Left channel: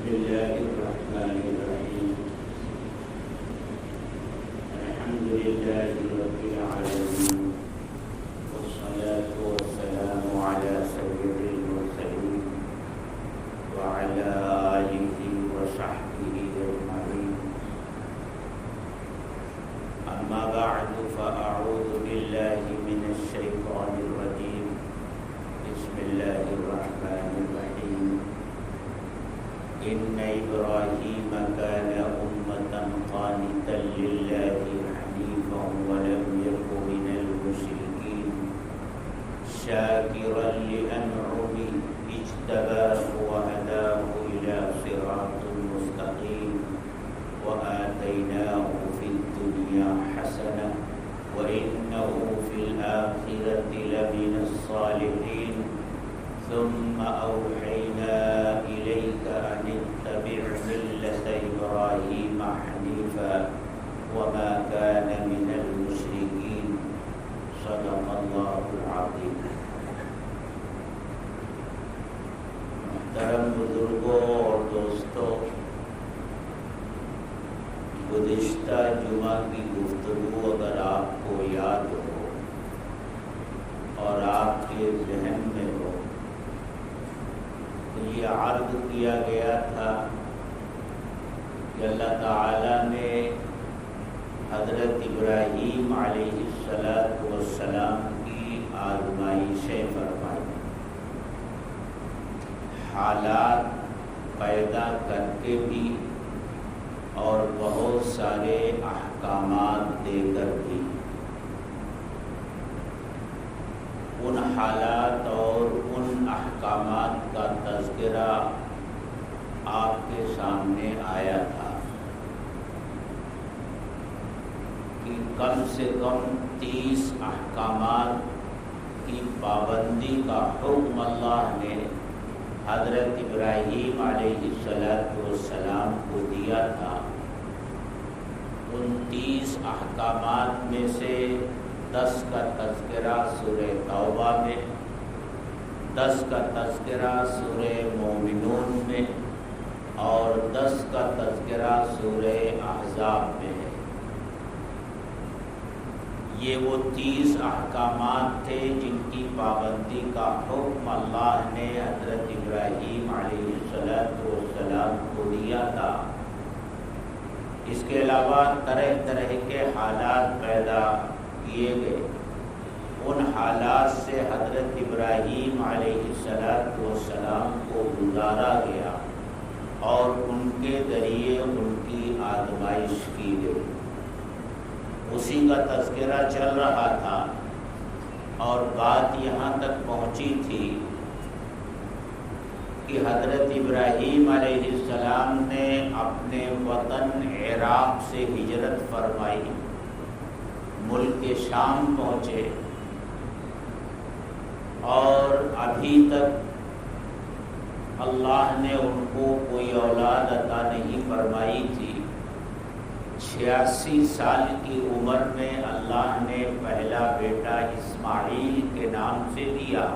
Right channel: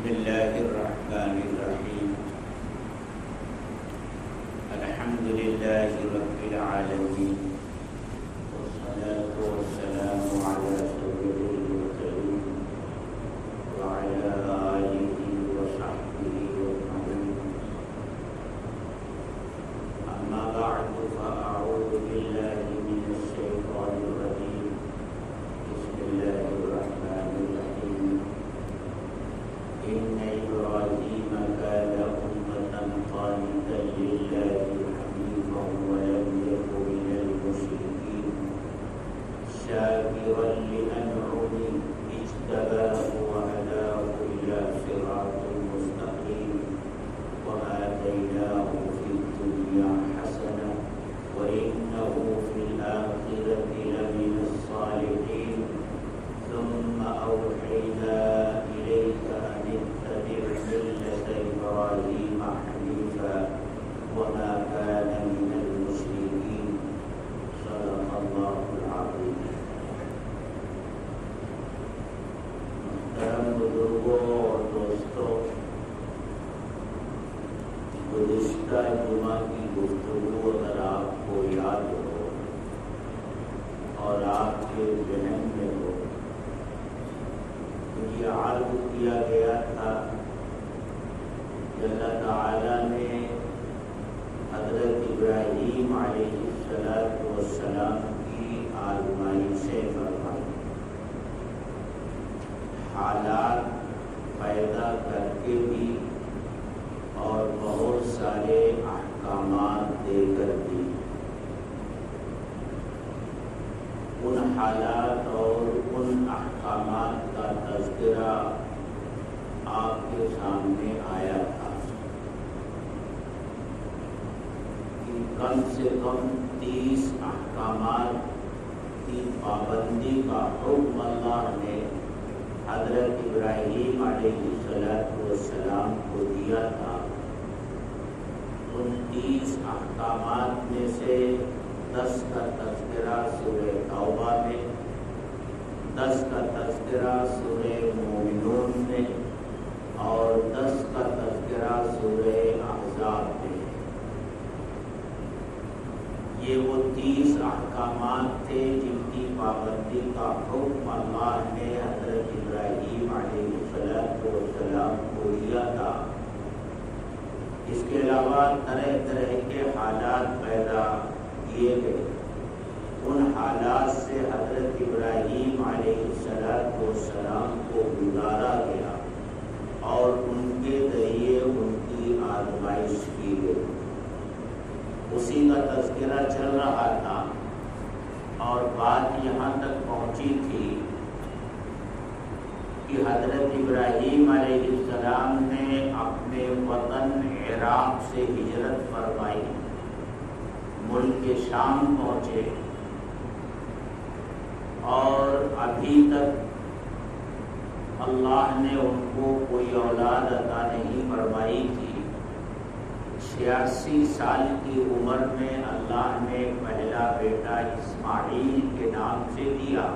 بسم الله الرحمن الرحيم الحمد لله رب العالمين والصلاة والسلام على سيد المرسلين وعلى آله وصحبه أجمعين أما بعد فأعوذ بالله من الشيطان الرجيم بسم الله الرحمن الرحيم إن إبراهيم كان أمة قانتا لله حنيفا ولم يك من المشركين شاكرا لأنعمه اجتباه وهداه إلى صراط مستقيم وآتيناه في الدنيا حسنة وإنه في الآخرة لمن الصالحين ثم أوحينا إليك أن اتبع ملة إبراهيم حنيفا وما كان من المشركين صدق الله العظيم. محترم بزرگوں اور دوستوں، گزشتہ جمعہ کی گفتگو اگر آپ کو یاد ہو اور آپ کے ذہن میں ہو تو یہ عرض کیا گیا تھا کہ اللہ تعالیٰ نے حضرت ابراہیم علیہ السلام کی آزمائشیں فرمائی، حالات پیدا کر کے بھی اور بہت سارے احکامات دے کر بھی۔ ان حالات اور ان احکامات کا تذکرہ آپ کے سامنے آیا تھا کہ کم سے کم 30 احکامات کی پابندی کا حکم اللہ نے حضرت ابراہیم علیہ السلام کو دیا تھا۔ ان 30 احکامات میں سے 10 کا تذکرہ سورہ توبہ میں، 10 کا تذکرہ سورہ مومنون میں اور 10 کا تذکرہ سورہ احزاب میں۔ یہ وہ 30 احکامات تھے جن کی پابندی کا حکم اللہ نے حضرت ابراہیم علیہ السلام کو دیا تھا۔ اس کے علاوہ طرح طرح کے حالات پیدا کیے گئے۔ ان حالات سے حضرت ابراہیم علیہ السلام کو گزارا گیا اور ان کے ذریعے ان کی آزمائش کی گئی۔ اسی کا تذکرہ چل رہا تھا اور بات یہاں تک پہنچی تھی کہ حضرت ابراہیم علیہ السلام نے اپنے وطن عراق سے ہجرت فرمائی، ملک شام پہنچے اور ابھی تک اللہ نے ان کو کوئی اولاد عطا نہیں فرمائی تھی۔ 86 سال کی عمر میں اللہ نے پہلا بیٹا اسماعیل کے نام سے دیا۔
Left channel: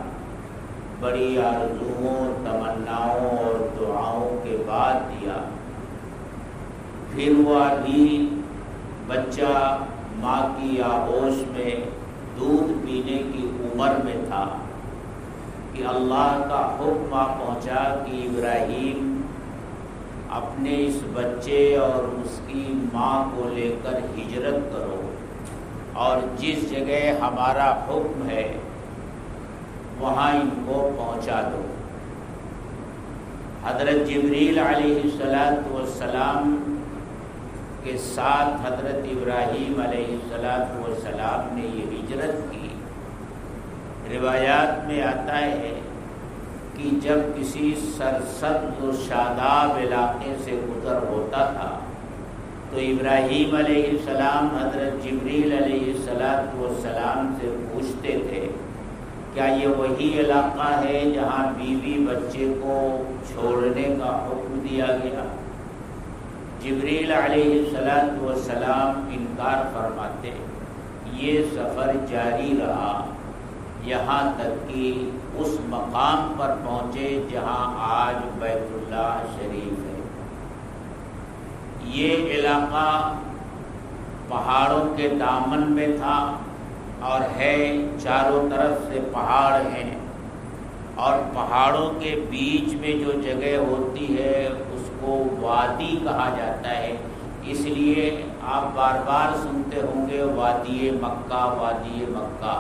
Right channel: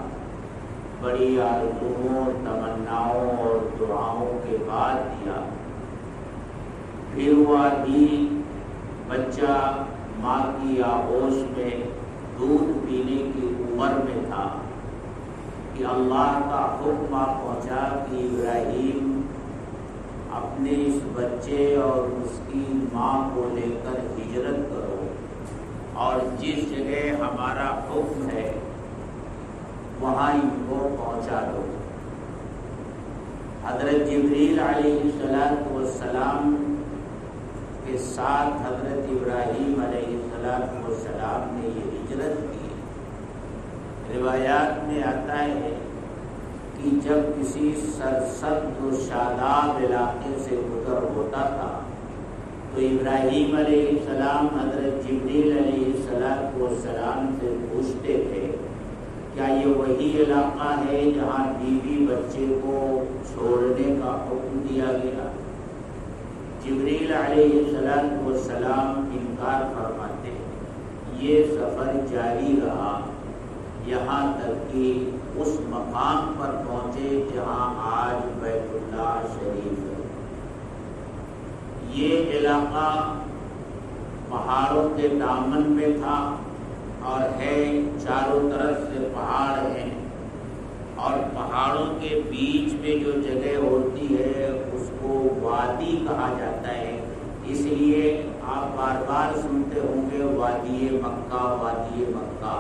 بڑی آرزوؤں، تمناؤں اور دعاؤں کے بعد دیا۔ پھر وہ ابھی بچہ ماں کی آغوش میں دودھ پینے کی عمر میں تھا کہ اللہ کا حکم پہنچا کہ ابراہیم اپنے اس بچے اور اس کی ماں کو لے کر ہجرت کرو اور جس جگہ ہمارا حکم ہے وہاں ان کو پہنچا دو۔ حضرت جبریل علیہ السلام کے ساتھ حضرت ابراہیم علیہ السلام نے یہ ہجرت کی۔ روایات میں آتا ہے کہ جب کسی سرسبز و شاداب علاقے سے گزر ہوتا تھا تو ابراہیم علیہ السلام حضرت جبریل علیہ السلام سے پوچھتے تھے کیا یہ وہی علاقہ ہے جہاں بیوی بچے کو چھوڑنے کا حکم دیا گیا؟ جبریل علیہ السلام انکار فرماتے، یہ سفر جاری رہا یہاں تک کہ اس مقام پر پہنچے جہاں آج بیت اللہ شریف ہے۔ علاقہ پہاڑوں کے دامن میں تھا اور ہے، چاروں طرف سے پہاڑ ہیں، اور پہاڑوں کے بیچ میں جو جگہ ہوتی ہے اس کو وادی کہا جاتا ہے۔ اس لیے آپ بار بار سنتے ہوں گے وادی مکہ، وادی مکہ۔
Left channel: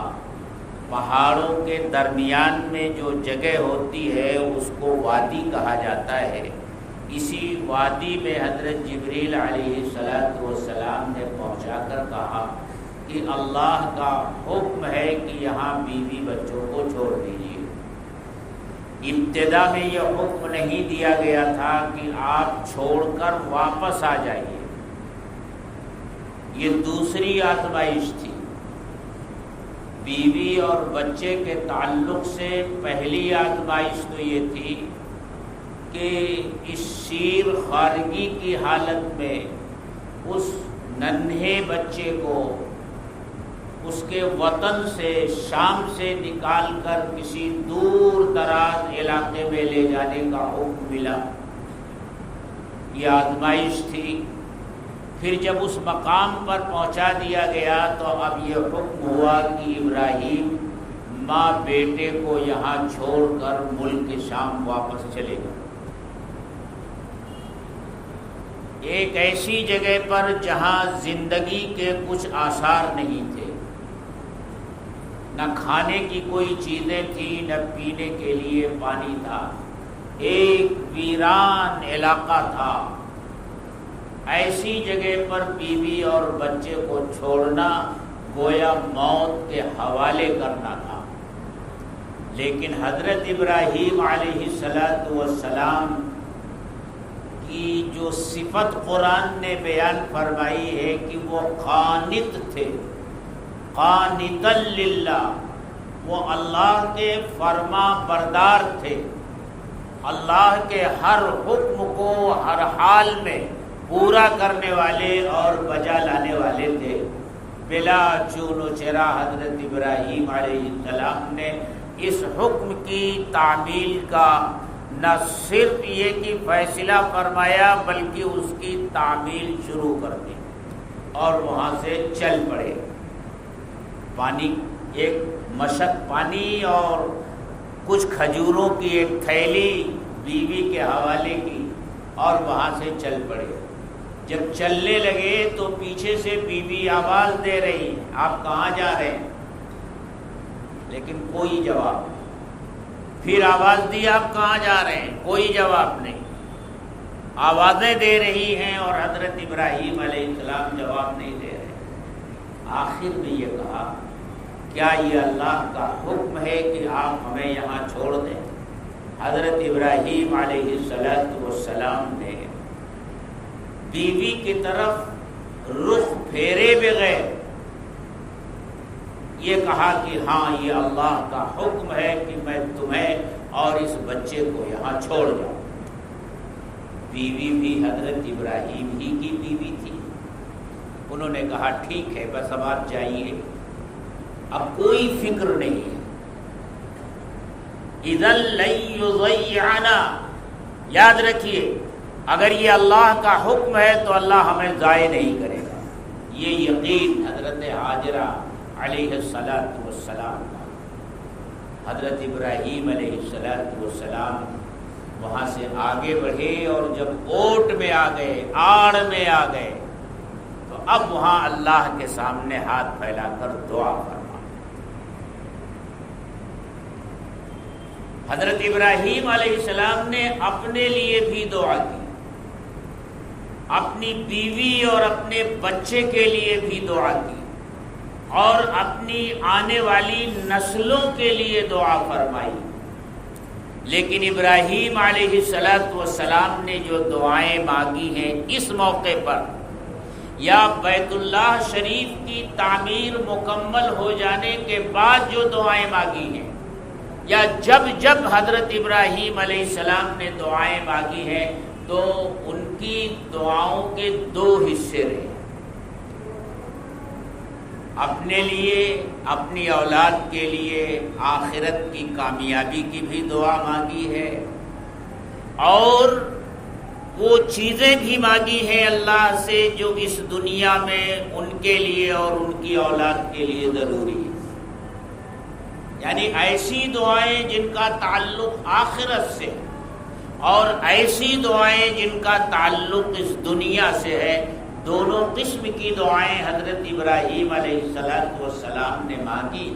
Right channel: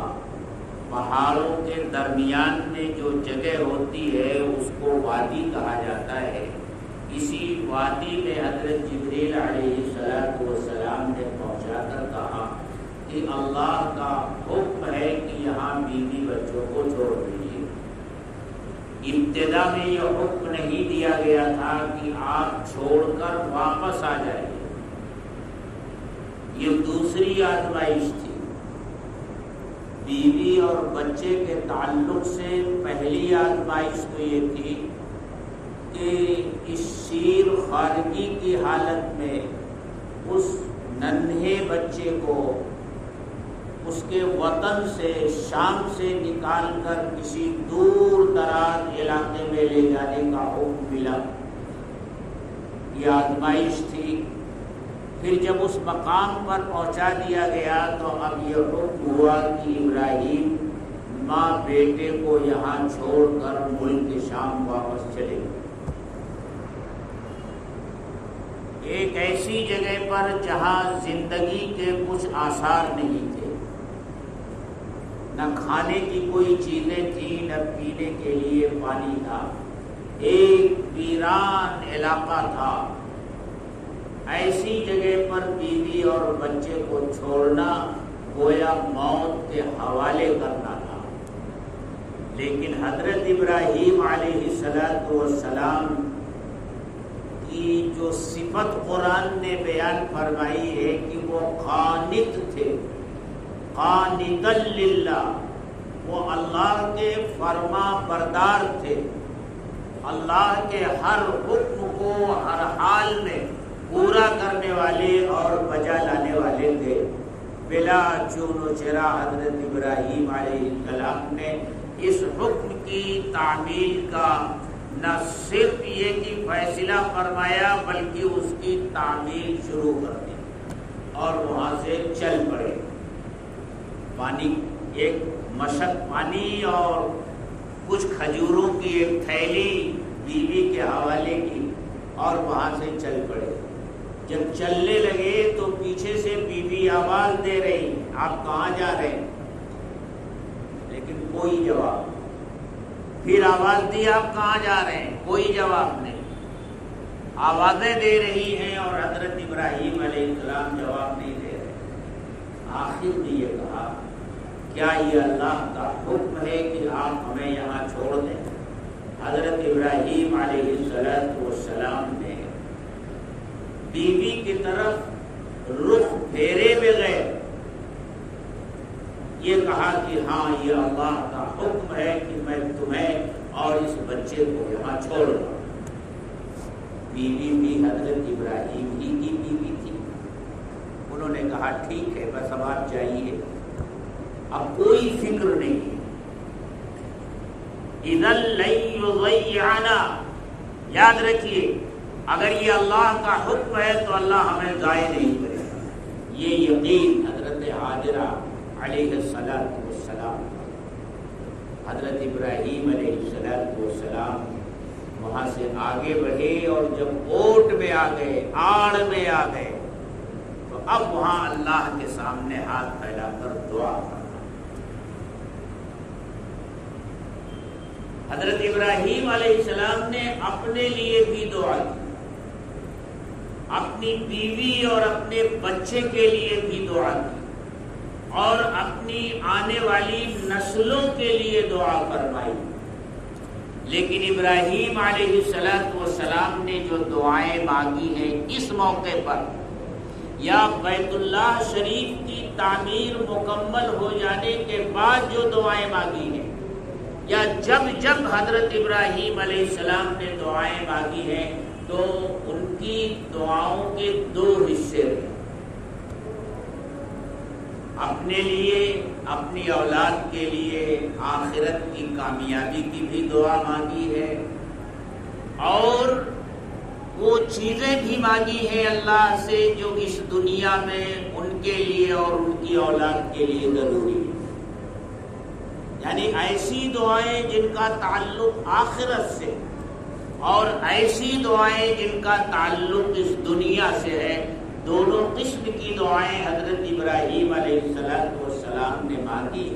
پہاڑوں کے درمیان میں جو جگہ ہوتی ہے اس کو وادی کہا جاتا ہے۔ اسی وادی میں حضرت جبریل علیہ السلام نے پہنچا کر کہا کہ اللہ کا حکم ہے کہ یہاں بیوی بچوں کو چھوڑ دیجیے۔ ابتدا میں یہ حکم نہیں دیا گیا تھا کہ آپ چھوڑ کر واپس آ جائیے، یہ دوسری آزمائش تھی۔ بیوی اور بچے کے تعلق سے پہلی آزمائش تو یہ تھی کہ اس شیر خارگی کی حالت میں اس ننھے بچے کو اس کے وطن سے، شام سے نکال کر کسی دور دراز علاقے میں لے جانے کا حکم ملا، یہ آزمائش تھی۔ پھر جب اس مقام پر پہنچا دیا گیا تو اب یہ حکم ہوا کہ ابراہیم ماں بیٹے کو یہاں چھوڑ کر ملک شام واپس چلے گئے، ایک ایسی جگہ پر جہاں زندگی کے کچھ آثار نہیں تھے، نہ کھانے کی کوئی چیزیں تھیں، نہ پینے کے لیے پانی تھا، ایک ویران علاقہ تھا۔ ایسی جگہ پر بیوی اور بچے کو چھوڑنا گویا موت کے حوالے کرنا تھا۔ لیکن حضرت ابراہیم علیہ السلام کی جو صفت قرآن نے بیان فرمائی ہے کہ وہ قانت تھے، قانتا للہ، وہ اللہ کے فرما بردار تھے، اللہ کے ہر حکم کو ہر حال میں پورا کرنے والے اور بجا لانے والے تھے۔ بلا چون و چرا حضرت ابراہیم علیہ السلام نے اس حکم کی تعمیل کا نہ صرف یہ کہ فیصلہ فرمایا بلکہ اس کی تعمیل شروع کر دی اور وہاں سے چل پڑے۔ پانی، ایک مشک پانی اور کچھ کھجوروں کی ایک تھیلی بیوی کے حوالے کی اور وہاں سے چل پڑے۔ جب چلنے لگے تو پیچھے سے بیوی آواز دے رہی، آپ کہاں جا رہے ہیں؟ لیکن کوئی جواب نہیں۔ پھر آواز دی، آپ کہاں جا رہے ہیں؟ کوئی جواب نہیں۔ آوازیں دے رہی ہیں اور حضرت ابراہیم علیہ السلام جواب نہیں دے رہے۔ آخر میں یہ کہا، کیا یہ اللہ کا حکم ہے کہ آپ ہمیں یہاں چھوڑ دیں؟ حضرت ابراہیم علیہ السلام نے بیوی کی طرف رخ پھیرے بغیر یہ کہا کہ ہاں یہ اللہ کا حکم ہے کہ میں تمہیں اور اس بچے کو یہاں چھوڑ جاؤں۔ بیوی بھی حضرت ابراہیم ہی کی بیوی تھی۔ انہوں نے کہا ٹھیک ہے، بس اب آپ جائیے، اب کوئی فکر نہیں ہے۔ اذن لن یضیعنا، یاد رکھیے اگر یہ اللہ کا حکم ہے تو اللہ ہمیں ضائع نہیں کرے گا۔ یہ یقین حضرت ہاجرہ علیہ السلام، حضرت ابراہیم علیہ السلام وہاں سے آگے بڑھے اور جب اوٹ میں آ گئے، آڑ میں آ گئے، تو اب وہاں اللہ کے سامنے ہاتھ پھیلا کر دعا کرنا۔ حضرت ابراہیم علیہ السلام نے اپنے لیے بھی دعا کی، اپنی بیوی اور اپنے بچے کے لیے بھی دعا کی، اور اپنی آنے والی نسلوں کے لیے دعا فرمائی۔ لیکن ابراہیم علیہ السلام نے جو دعائیں مانگی ہیں اس موقع پر، یا بیت اللہ شریف کی تعمیر مکمل ہو جانے کے بعد جو دعائیں مانگی ہیں، یا جب حضرت ابراہیم علیہ السلام نے دعائیں مانگی ہیں، تو ان کی دعاؤں کے دو حصے رہے۔ اپنے لیے، اپنی اولاد کے لیے آخرت کی کامیابی کی بھی دعا مانگی ہے، اور وہ چیزیں بھی مانگی ہیں اللہ سے جو اس دنیا میں ان کے لیے اور ان کی اولاد کے لیے ضروری ہے، یعنی ایسی دعائیں جن کا تعلق آخرت سے اور ایسی دعائیں جن کا تعلق اس دنیا سے ہے، دونوں قسم کی دعائیں حضرت ابراہیم علیہ السلام نے مانگی۔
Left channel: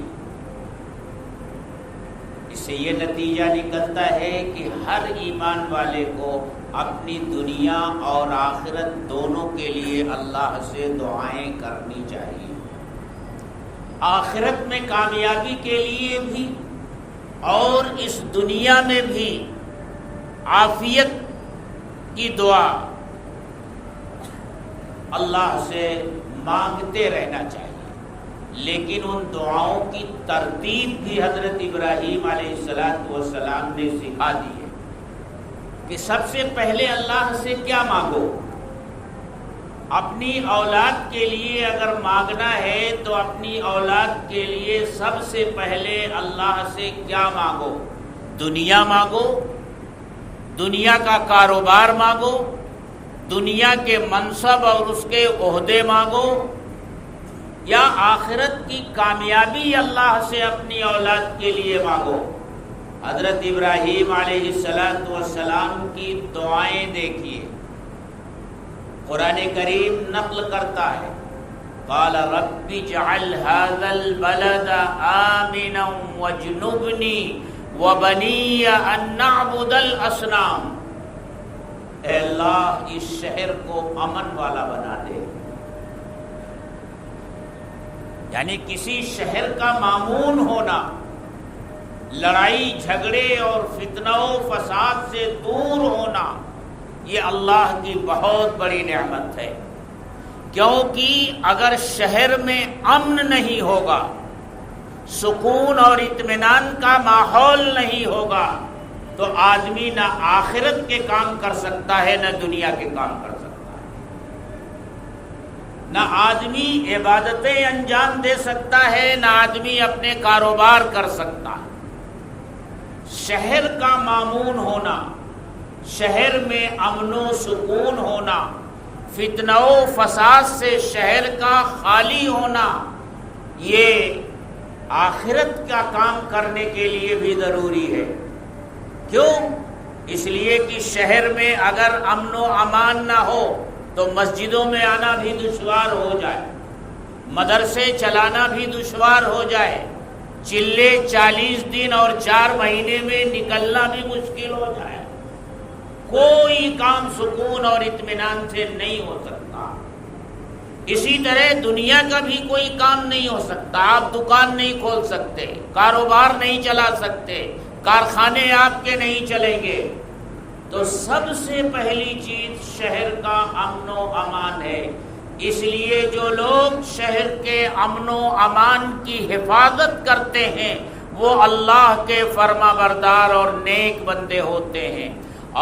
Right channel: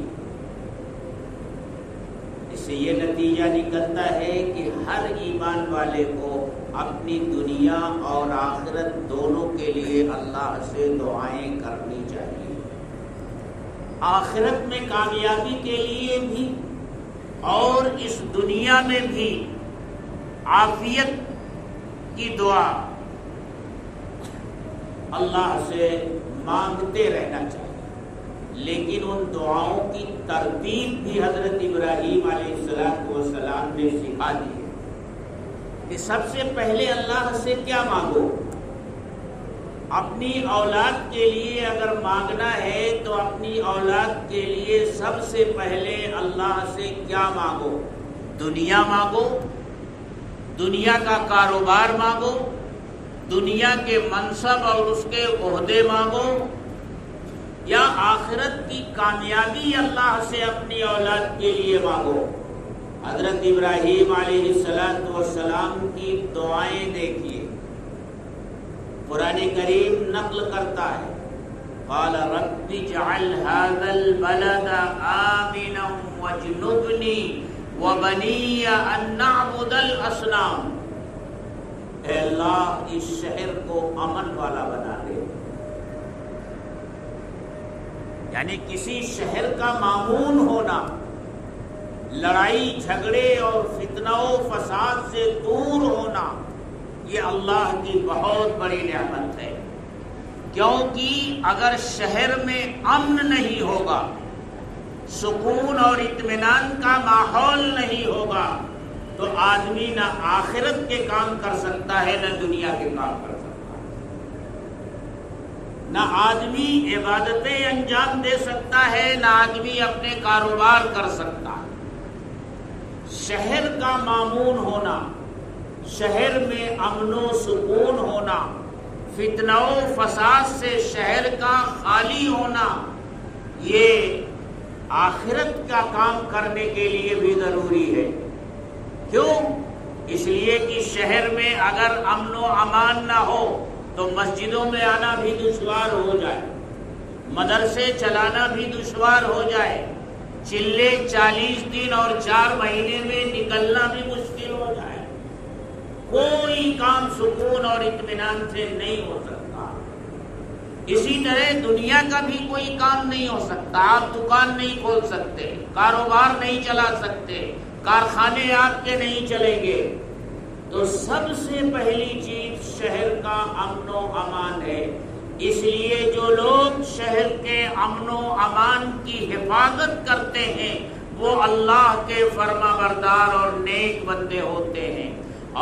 اس سے یہ نتیجہ نکلتا ہے کہ ہر ایمان والے کو اپنی دنیا اور آخرت دونوں کے لیے اللہ سے دعائیں کرنی چاہیے، آخرت میں کامیابی کے لیے بھی اور اس دنیا میں بھی عافیت کی دعا اللہ سے مانگتے رہنا چاہیے۔ لیکن ان دعاؤں کی ترتیب بھی حضرت ابراہیم علیہ السلام نے سکھا دی ہے کہ سب سے پہلے اللہ سے کیا مانگو۔ اپنی اولاد کے لیے اگر مانگنا ہے تو اپنی اولاد کے لیے سب سے پہلے اللہ سے کیا مانگو؟ دنیا مانگو، دنیا کا کاروبار مانگو، دنیا کے منصب اور اس کے عہدے مانگو، یا آخرت کی کامیابی اللہ سے اپنی اولاد کے لیے مانگو۔ حضرت ابراہیم علیہ السلام کی دعائیں دیکھیے، قرآن کریم نقل کرتا ہے، قال رب اجعل هذا البلد آمنا واجنبنی وبنی ان نعبد الاصنام۔ اے اللہ اس شہر کو امن والا بنا دے، یعنی کسی شہر کا مامون ہونا، لڑائی جھگڑے اور فتنہ و فساد سے دور ہونا، یہ اللہ کی بہت بڑی نعمت ہے، کیونکہ اگر شہر میں امن نہیں ہوگا، سکون اور اطمینان کا ماحول نہیں ہوگا، تو آدمی نہ آخرت کے کام کر سکتا ہے نہ دنیا کے کام کر سکتا ہے، نہ آدمی عبادتیں انجام دے سکتا ہے، نہ آدمی اپنے کاروبار کر سکتا ہے۔ شہر کا مامون ہونا، شہر میں امن و سکون ہونا، فتنہ و فساد سے شہر کا خالی ہونا، یہ آخرت کا کام کرنے کے لیے بھی ضروری ہے۔ کیوں؟ اس لیے کہ شہر میں اگر امن و امان نہ ہو تو مسجدوں میں آنا بھی دشوار ہو جائے، مدرسے چلانا بھی دشوار ہو جائے، چلے 40 دن اور 4 مہینے میں نکلنا بھی مشکل ہو جائے، کوئی کام سکون اور اطمینان سے نہیں ہو سکتا۔ اسی طرح دنیا کا بھی کوئی کام نہیں ہو سکتا، آپ دکان نہیں کھول سکتے، کاروبار نہیں چلا سکتے، کارخانے آپ کے نہیں چلیں گے۔ تو سب سے پہلی چیز شہر کا امن و امان ہے۔ اس لیے جو لوگ شہر کے امن و امان کی حفاظت کرتے ہیں وہ اللہ کے فرما بردار اور نیک بندے ہوتے ہیں،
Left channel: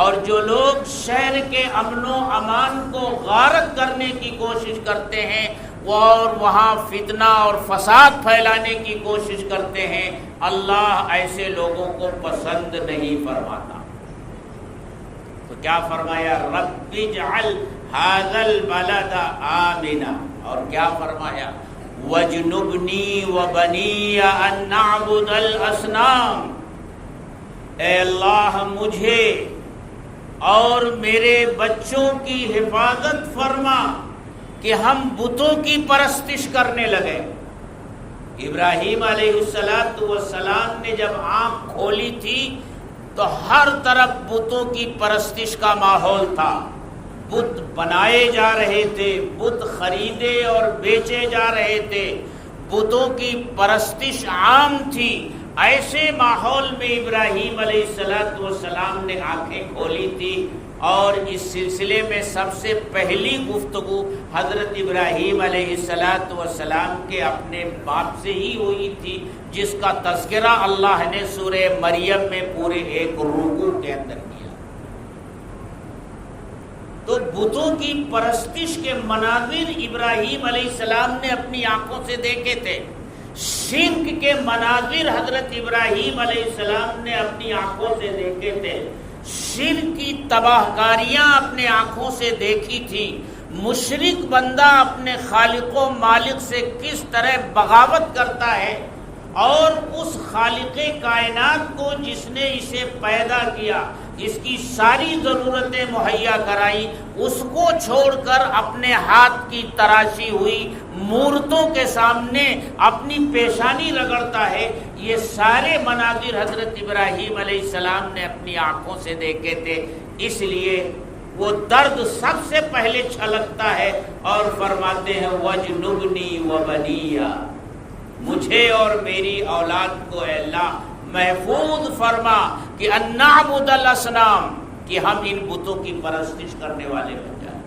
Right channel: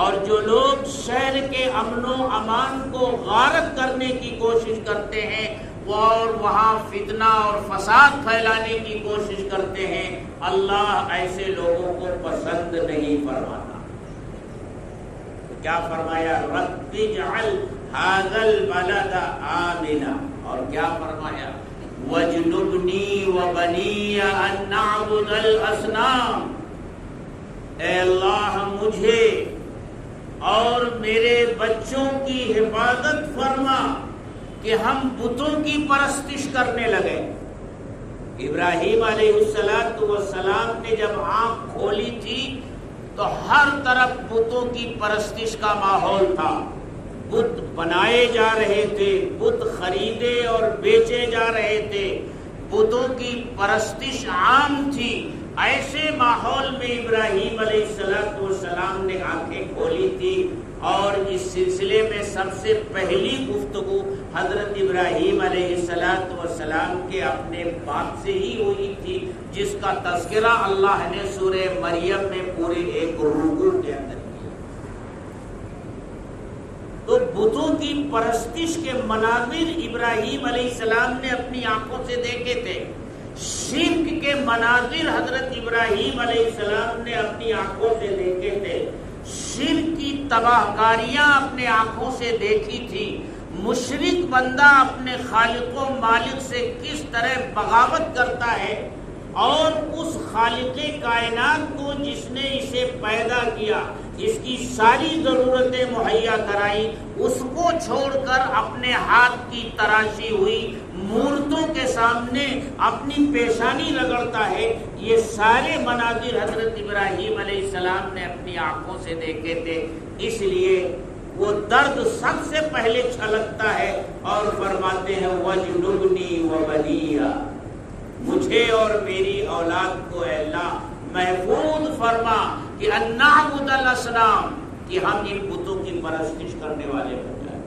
اور جو لوگ شہر کے امن و امان کو غارت کرنے کی کوشش کرتے ہیں اور وہاں فتنہ اور فساد پھیلانے کی کوشش کرتے ہیں، اللہ ایسے لوگوں کو پسند نہیں فرماتا۔ تو کیا فرمایا؟ رب اجعل هذا البلد آمنا، اور کیا فرمایا؟ وَاجْنُبْنِي وَبَنِيَّ أَن نَّعْبُدَ الْأَصْنَامَ۔ اے اللہ مجھے اور میرے بچوں کی حفاظت فرما کہ ہم بتوں کی پرستش کرنے لگے۔ ابراہیم علیہ السلام نے جب آنکھ کھولی تھی تو ہر طرف بتوں کی پرستش کا ماحول تھا، بت بنائے جا رہے تھے، بت خریدے اور بیچے جا رہے تھے، بتوں کی پرستش عام تھی۔ ایسے ماحول میں ابراہیم علیہ السلام نے آنکھیں کھولی تھی، اور اس سلسلے میں سب سے پہلی گفتگو حضرت ابراہیم علیہ السلام کے اپنے باپ سے ہی ہوئی تھی، جس کا تذکرہ اللہ نے سورہ مریم میں پورے ایک رکوع کے اندر کیا۔ تو بتوں کی پرستش کے مناظر ابراہیم علیہ السلام نے اپنی آنکھوں سے دیکھے تھے، شرک کے مناظر حضرت ابراہیم علیہ السلام نے اپنی آنکھوں سے دیکھے تھے، شرک کی تباہ کاریاں اپنے آنکھوں سے دیکھی تھی، مشرک بندہ اپنے خالق و مالک سے کس طرح بغاوت کرتا ہے، اور اس خالق کائنات کو جس نے اسے پیدا کیا، اس کی ساری ضرورتیں مہیا کرائی، اس کو چھوڑ کر اپنے ہاتھ کی تراشی ہوئی مورتوں کے سامنے اپنی پیشانی رگڑتا ہے۔ یہ سارے مناظر حضرت ابراہیم علیہ السلام نے اپنی آنکھوں سے دیکھے تھے، اس لیے وہ درد سب سے پہلے چھلکتا ہے اور فرماتے ہیں وَجْنُبْنِي وَبَنِيَّ، مجھے اور میری اولاد کو اے اللہ محفوظ فرما کہ ان نعبد الاصنام، کہ ہم ان بتوں کی پرستش کرنے والے بن جائیں۔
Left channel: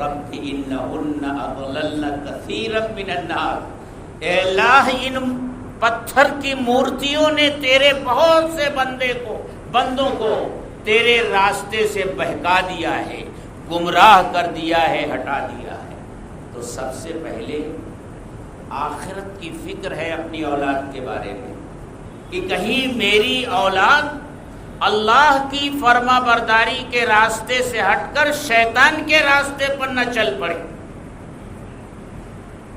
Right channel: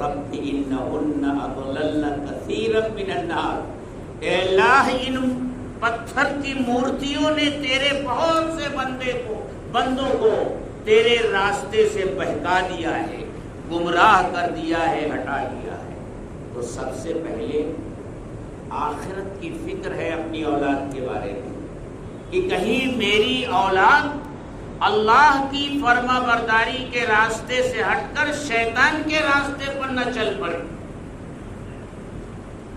رب انہن اضللن کثیرا من الناس، اے اللہ ان پتھر کی مورتیوں نے تیرے بہت سے بندوں کو تیرے راستے سے بہکا دیا ہے، گمراہ کر دیا ہے، ہٹا دیا ہے۔ تو سب سے پہلے آخرت کی فکر ہے اپنی اولاد کے بارے میں، کہ کہیں میری اولاد اللہ کی فرما برداری کے راستے سے ہٹ کر شیطان کے راستے پر نہ چل پڑے۔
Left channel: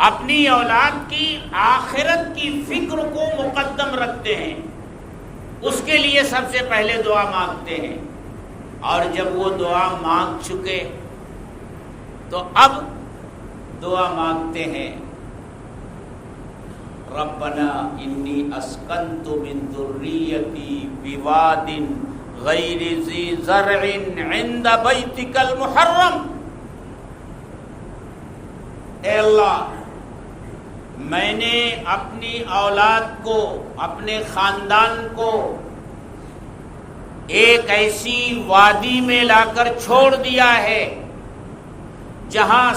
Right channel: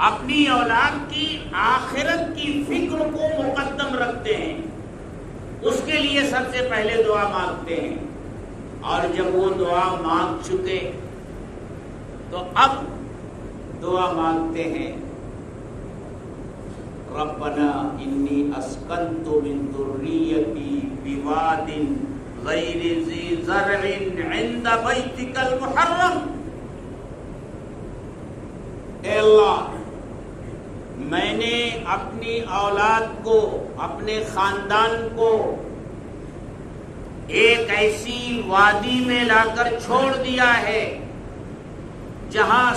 اپنی اولاد کی آخرت کی فکر کو مقدم رکھتے ہیں، اس کے لیے سب سے پہلے دعا مانگتے ہیں، اور جب وہ دعا مانگ چکے تو اب دعا مانگتے ہیں ربنا انی اسکنت من ذریتی بواد غیر ذی زرع عند بیتک المحرم، اے اللہ میں نے اپنی اولاد کو، اپنے خاندان کو ایک ایسی وادی میں لا کر چھوڑ دیا ہے جہاں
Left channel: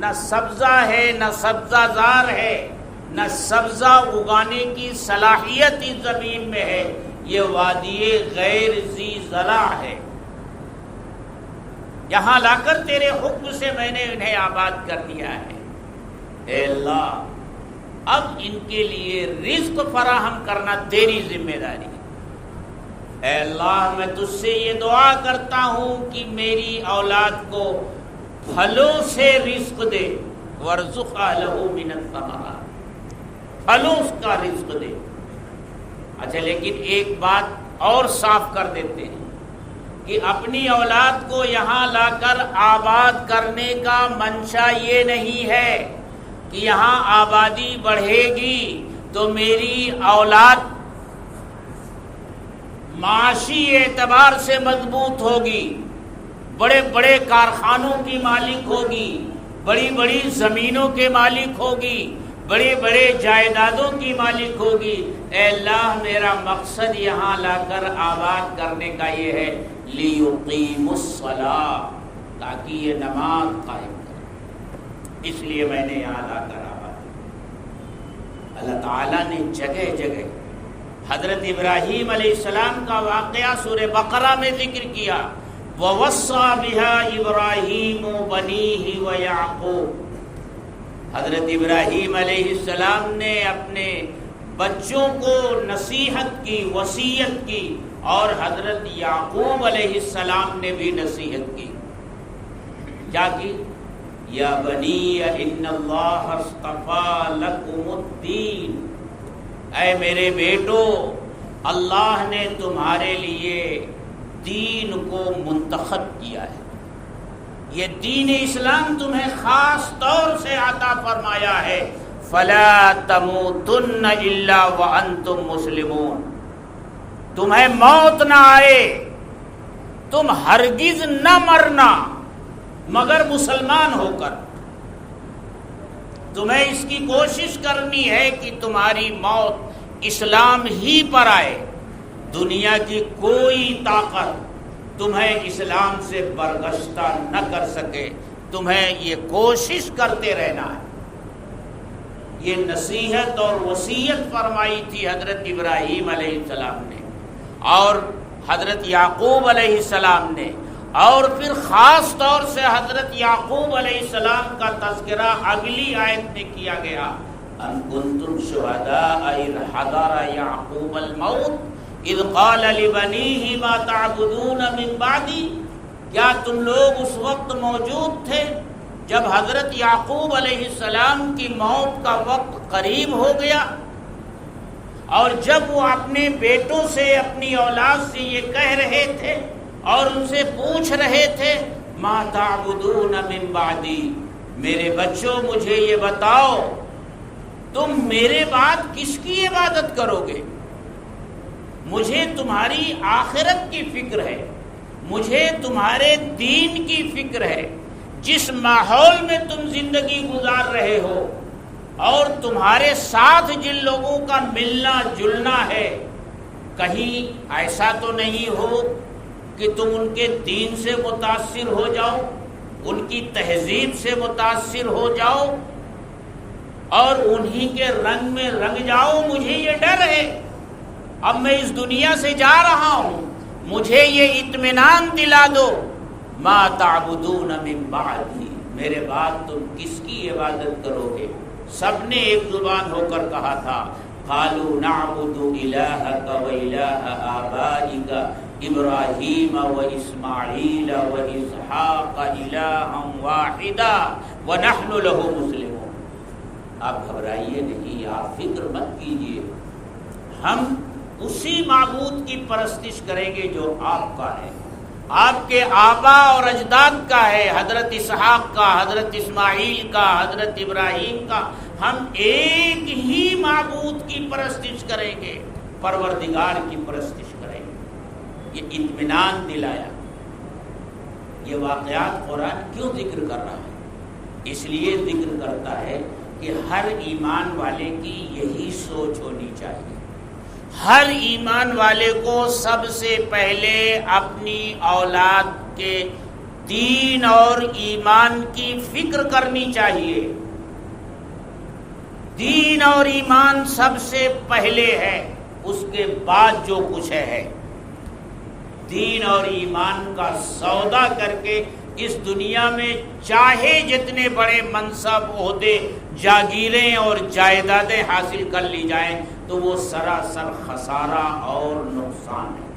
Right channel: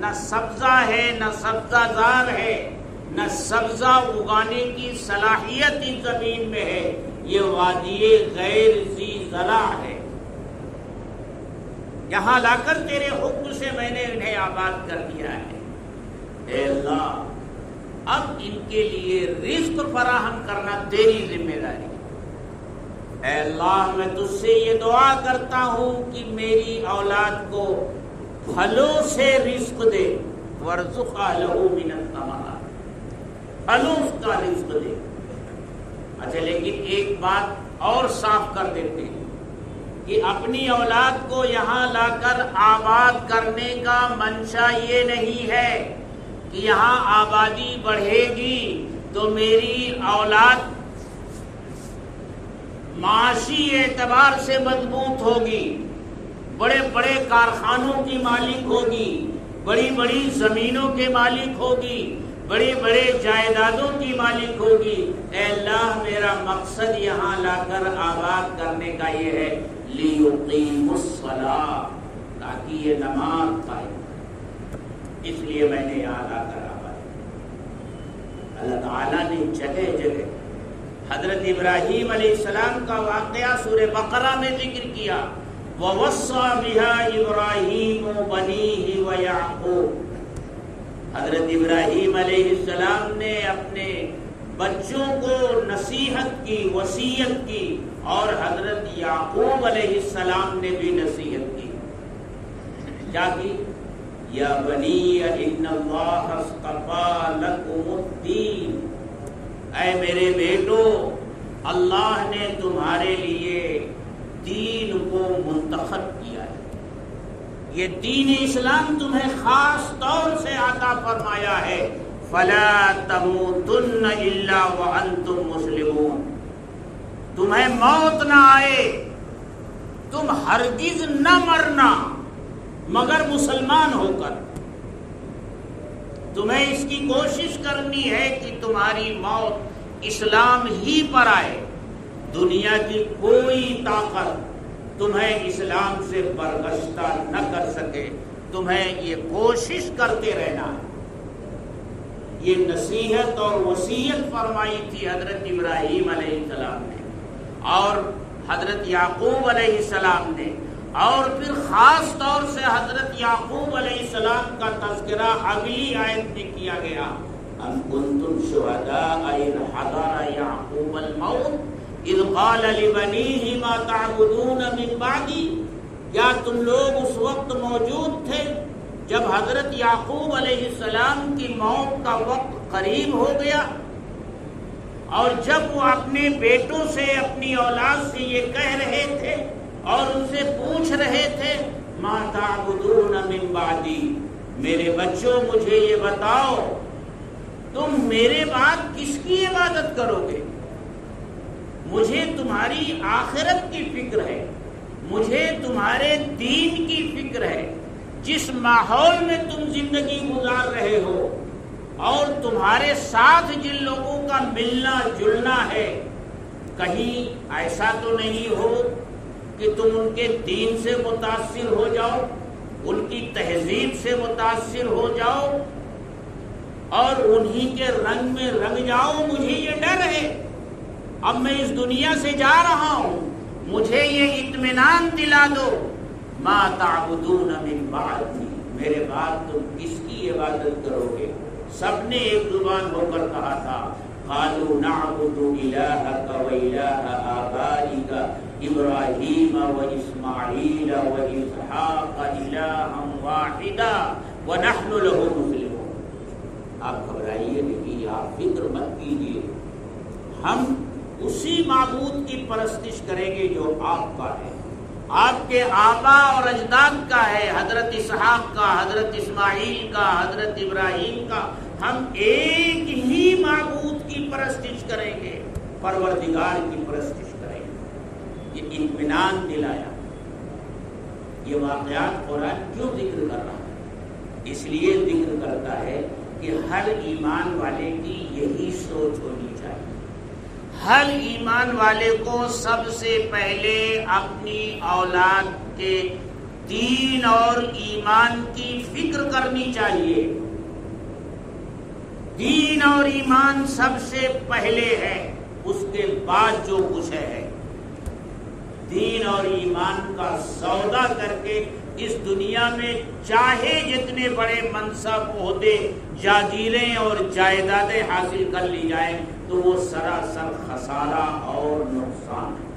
نہ سبزہ ہے، نہ سبزہ زار ہے، نہ سبزہ اگانے کی صلاحیت اس زمین میں ہے، یہ وادی غیر ذی زرع ہے، یہاں لا کر تیرے حکم سے میں نے انہیں آباد کر دیا ہے۔ اے اللہ اب ان کے لیے رزق فراہم کرنا تیری ذمہ داری ہے۔ اے اللہ میں تجھ سے یہ دعا کرتا ہوں کہ میری اولاد کو پھلوں سے رزق دے، وارزق اہلہ من الثمرات، پھلوں کا رزق دے۔ اچھا لیکن ایک بات اور صاف کر دیتے ہیں کہ اپنی اولاد کو یہاں لا کر آباد کرنے کا منشا یہ نہیں ہے کہ یہاں آبادی بڑھے گی تو میری اولاد معاشی اعتبار سے مضبوط ہوگی، بڑے بڑے کارخانوں کی مالک ہوگی، بڑی بڑی زمینوں کے مالک ہوگی، بڑے بڑے جائیدادوں کی مالک ہوگی۔ اے اللہ میرا مقصد یہاں لا کر آباد کرنے کا یہ ہے لِيُقِيمُ الصَّلَاةَ، تاکہ یہ نماز قائم کرے، اس لیے میں نے یہاں لا کر آباد۔ اللہ تعالیٰ نے جگہ جگہ حضرت ابراہیم علیہ السلام کا واقعہ سورہ بقرہ میں ذکر کیا، وَوَصَّى بِهَا إِبْرَاهِيمُ بَنِيهِ وَيَعْقُوبُ، حضرت ابراہیم علیہ السلام نے اپنے بچوں کو نصیحت کی، وصیت کی، اور حضرت یعقوب علیہ السلام نے بھی نصیحت کی، کیا کی؟ یا بنی ان اللہ اصطفیٰ لکم الدین، اے میرے بیٹو اللہ نے تمہارے لیے دین کو منتخب کیا ہے، یہ دین اسلام تمہیں خاص طور سے عطا فرمایا ہے، فلا تموتن الا وانتم مسلمون، تمہیں موت نہ آئے، تم ہرگز نہ مرنا مگر مسلمان ہو کر، تمہیں اس کی کوشش کرنی ہے کہ تمہاری موت اسلام ہی پر آئے، دنیا کی کوئی طاقت تمہیں اسلام سے برگشتہ نہ کر سکے، تمہیں یہ کوشش کرتے رہنا ہے۔ یہ نصیحت اور وصیت فرمائی تھی حضرت ابراہیم علیہ السلام نے اور حضرت یعقوب علیہ السلام نے، اور پھر خاص طور سے حضرت یعقوب علیہ السلام کا تذکرہ اگلی آیت میں کیا گیا، ان کنتم شہداء اذ حضر یعقوب الموت اذ قال لبنیہ ما تعبدون من بعدی، کیا تم لوگ اس وقت موجود تھے جب حضرت یعقوب علیہ السلام کی موت کا وقت قریب ہو گیا، اور جب وہ اپنے بیٹوں سے، اپنی اولاد سے یہ کہہ رہے تھے اور ان سے پوچھ رہے تھے ما تعبدون من بعدی، میرے بچوں مجھے یہ بتاؤ تم میرے بعد کس کی عبادت کرو گے؟ مجھے تمہاری آخرت کی فکر ہے، مجھے تمہارے دین کی فکر ہے۔ جس ماحول میں تم زندگی گزار رہے ہو اور تمہارے ساتھ جن لوگوں کا ملنا جلنا ہے، کہیں ایسا تو نہیں ہو کہ تم ان کے دین سے متاثر ہو جاؤ، ان کی تہذیب سے متاثر ہو جاؤ اور انہی کے رنگ میں رنگ جاؤ۔ مجھے یہ ڈر ہے، اب میں اس دنیا سے جا رہا ہوں، مجھے یہ اطمینان دلا دو ما تعبدون من بعدی، میرے بعد تم کس کی عبادت کرو گے؟ سب نے ایک زبان ہو کر کہا تھا قالوا نعبد الہک و الہ آبائک ابراہیم و اسماعیل و اسحاق الہا واحدا ونحن له مسلمون۔ آپ گھبرائیے نہیں، آپ فکر مت کیجیے، ہم اسی معبود کی پرستش کریں گے جو آپ کا ہے، آپ کے آبا اور اجداد کا ہے، حضرت اسحاق کا، حضرت اسماعیل کا، حضرت ابراہیم کا، ہم ایک ہی معبود کی پرستش کریں گے، پروردگار کی پرستش کریں گے۔ یہ اطمینان دلایا۔ یہ واقعات قرآن کیوں ذکر کر رہا ہے؟ اس لیے ذکر کرتا ہے کہ ہر ایمان والے کی یہی سوچ ہونی چاہیے۔ ہر ایمان والے کو سب سے پہلے اپنی اولاد کے دین اور ایمان کی فکر کرنی چاہیے۔ دین اور ایمان سب سے پہلے ہے، اس کے بعد جو کچھ ہے۔ دین اور ایمان کا سودا کر کے اس دنیا میں چاہے جتنے بڑے منصب، عہدے، جاگیریں اور جائیدادیں حاصل کر لی جائیں تو وہ سراسر خسارہ اور نقصان ہے۔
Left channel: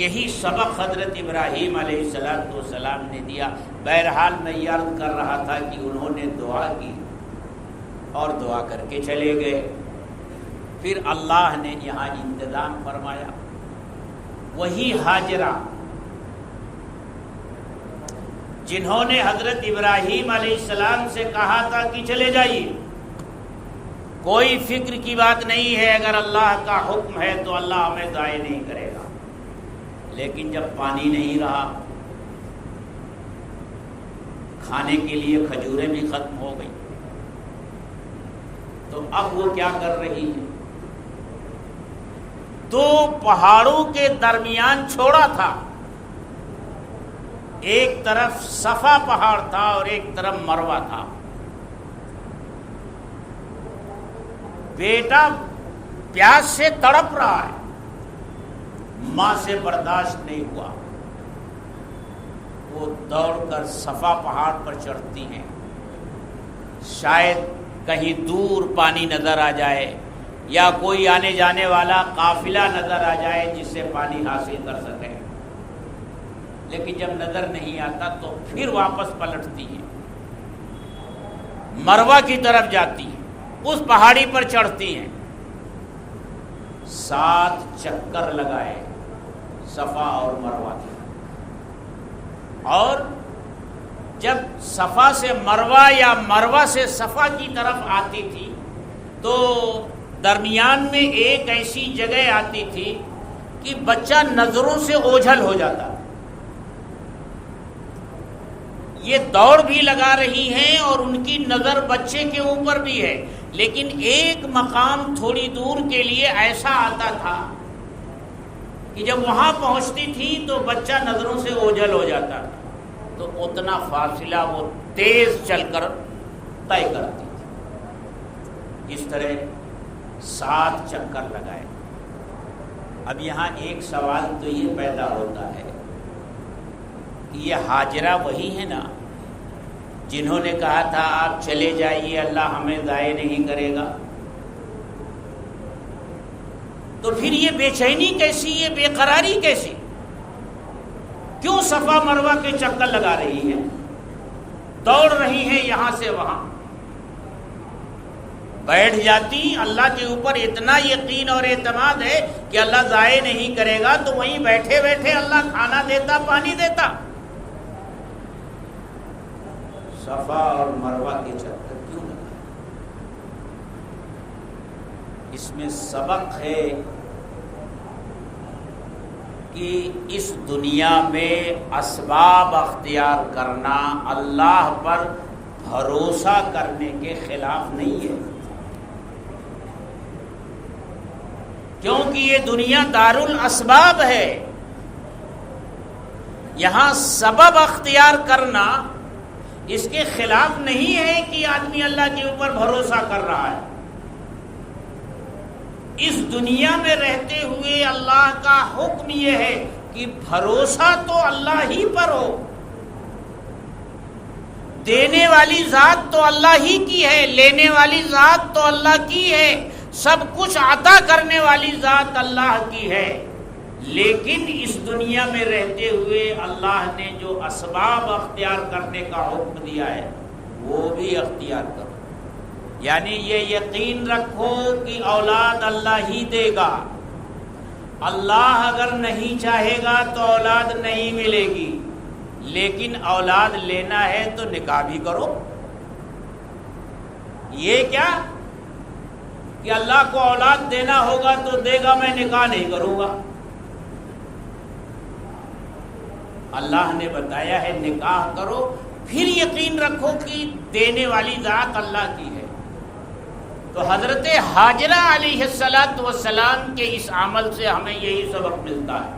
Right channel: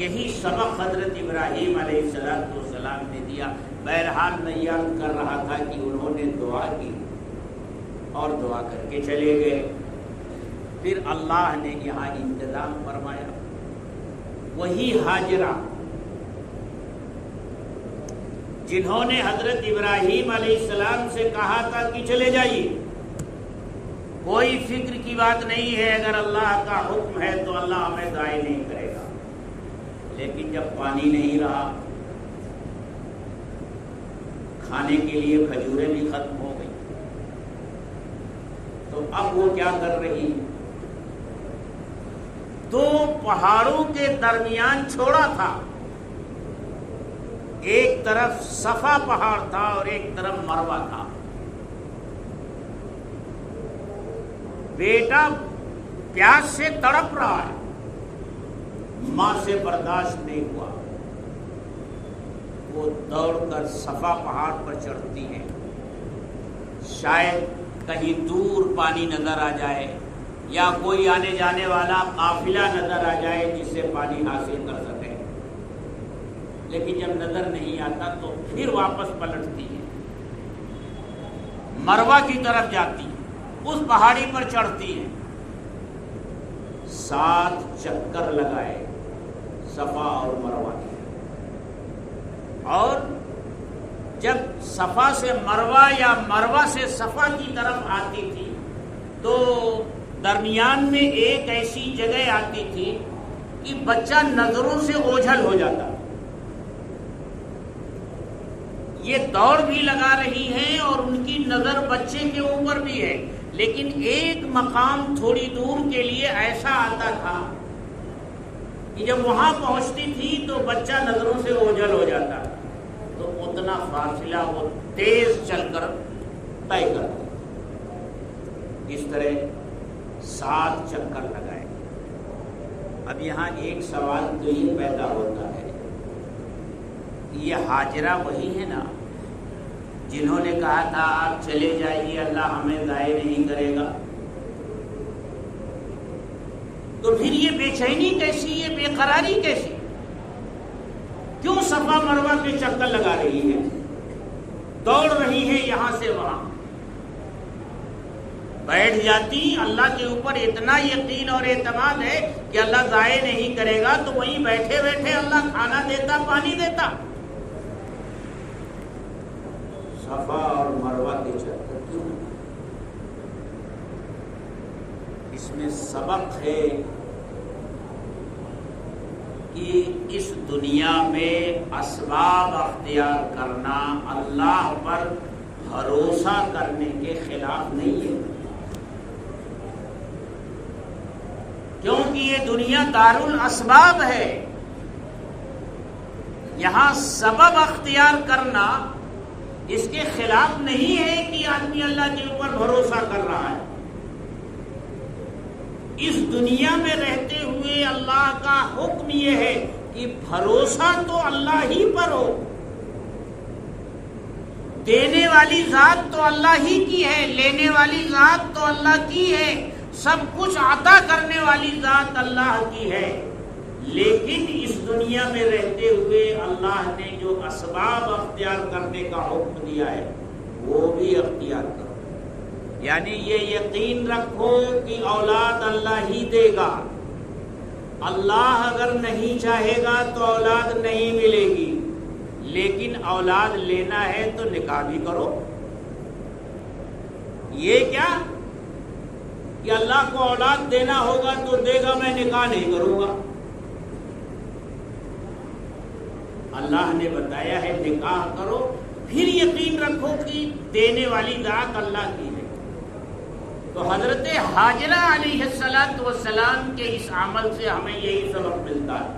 یہی سبق حضرت ابراہیم علیہ السلام نے دیا۔ بہرحال میں یہ عرض کر رہا تھا کہ انہوں نے دعا کی اور دعا کر کے چلے گئے۔ پھر اللہ نے یہاں انتظام فرمایا۔ وہی ہاجرہ جنہوں نے حضرت ابراہیم علیہ السلام سے کہا تھا کہ چلے جائیے، کوئی فکر کی بات نہیں ہے، اگر اللہ کا حکم ہے تو اللہ ہمیں ضائع نہیں کرے گا، لیکن جب پانی نہیں رہا، کھانے کے لیے کھجوریں بھی ختم ہو گئی، تو اب وہ کیا کر رہی ہے؟ دو پہاڑوں کے درمیان چھوڑا تھا، ایک طرف صفا پہاڑ تھا اور ایک طرف مروہ تھا۔ بیٹا پیاس سے تڑپ رہا ہے، ماں سے برداشت نہیں ہوا، وہ دوڑ کر صفا پہاڑ پر چڑھتی ہیں، شاید کہیں دور پانی نظر آ جائے یا کوئی آنے جانے والا قافلہ نظر آ جائے جس سے پانی حاصل کر سکے، لیکن جب نظر نہیں آتا تو پھر واپس پلٹتی ہے، مروہ کی طرف جاتی ہے، اس پہاڑی پر چڑھتی ہیں، 7 چکر لگائے صفا اور مروہ کے، اور جب صفا سے مروہ یا مروہ سے صفا کی طرف آتی تھی تو درمیان میں ایک ایسی جگہ آتی تھی کہ بچہ نظروں سے اوجھل ہو جاتا۔ یہ دوڑ بھی لگا رہی ہیں اور ان کی نظر بچے کے اوپر بھی ہے، لیکن ایک مقام تھوڑی دور کے لیے ایسا آتا تھا کہ جب وہاں پہنچتی تھی تو بچہ نظروں سے اوجھل ہو جاتا، تو اتنا فاصلہ وہ تیز چل کر طے کرتی تھی۔ اس طرح 7 چکر لگائے۔ اب یہاں ایک سوال تو یہ پیدا ہوتا ہے کہ یہ ہاجرہ وہی ہے نا جنہوں نے کہا تھا آپ چلے جائیے، اللہ ہمیں ضائع نہیں کرے گا؟ تو پھر یہ بے چینی کیسی، یہ بے قراری کیسی؟ کیوں صفا مروہ کے چکر لگا رہی ہے، دوڑ رہی ہیں یہاں سے وہاں؟ بیٹھ جاتی، اللہ کے اوپر اتنا یقین اور اعتماد ہے کہ اللہ ضائع نہیں کرے گا، تو وہیں بیٹھے بیٹھے اللہ کھانا دیتا، پانی دیتا۔ صفا اور مروہ کے چکر کیوں؟ اس میں سبق ہے کہ اس دنیا میں اسباب اختیار کرنا اللہ پر بھروسہ کرنے کے خلاف نہیں ہے، کیونکہ یہ دنیا دار الاسباب ہے۔ یہاں سبب اختیار کرنا اس کے خلاف نہیں ہے کہ آدمی اللہ کے اوپر بھروسہ کر رہا ہے۔ اس دنیا میں رہتے ہوئے اللہ کا حکم یہ ہے کہ بھروسہ تو اللہ ہی پر ہو، دینے والی ذات تو اللہ ہی کی ہے، لینے والی ذات تو اللہ کی ہے، سب کچھ عطا کرنے والی ذات اللہ کی ہے۔ لیکن اس دنیا میں رہتے ہوئے اللہ نے جو اسباب اختیار کرنے کا حکم دیا ہے وہ بھی اختیار کرو، یعنی یہ یقین رکھو کہ اولاد اللہ ہی دے گا، اللہ اگر نہیں چاہے گا تو اولاد نہیں ملے گی، لیکن اولاد لینا ہے تو نکاح بھی کرو۔ یہ کیا کہ اللہ کو اولاد دینا ہوگا تو دے گا، میں نکاح نہیں کروں گا؟ اللہ نے بتایا ہے نکاح کرو، پھر یقین رکھو کہ دینے والی ذات اللہ کی ہے۔ تو حضرت حاجرہ علیہ السلام کے اس عمل سے ہمیں یہی سبق ملتا ہے،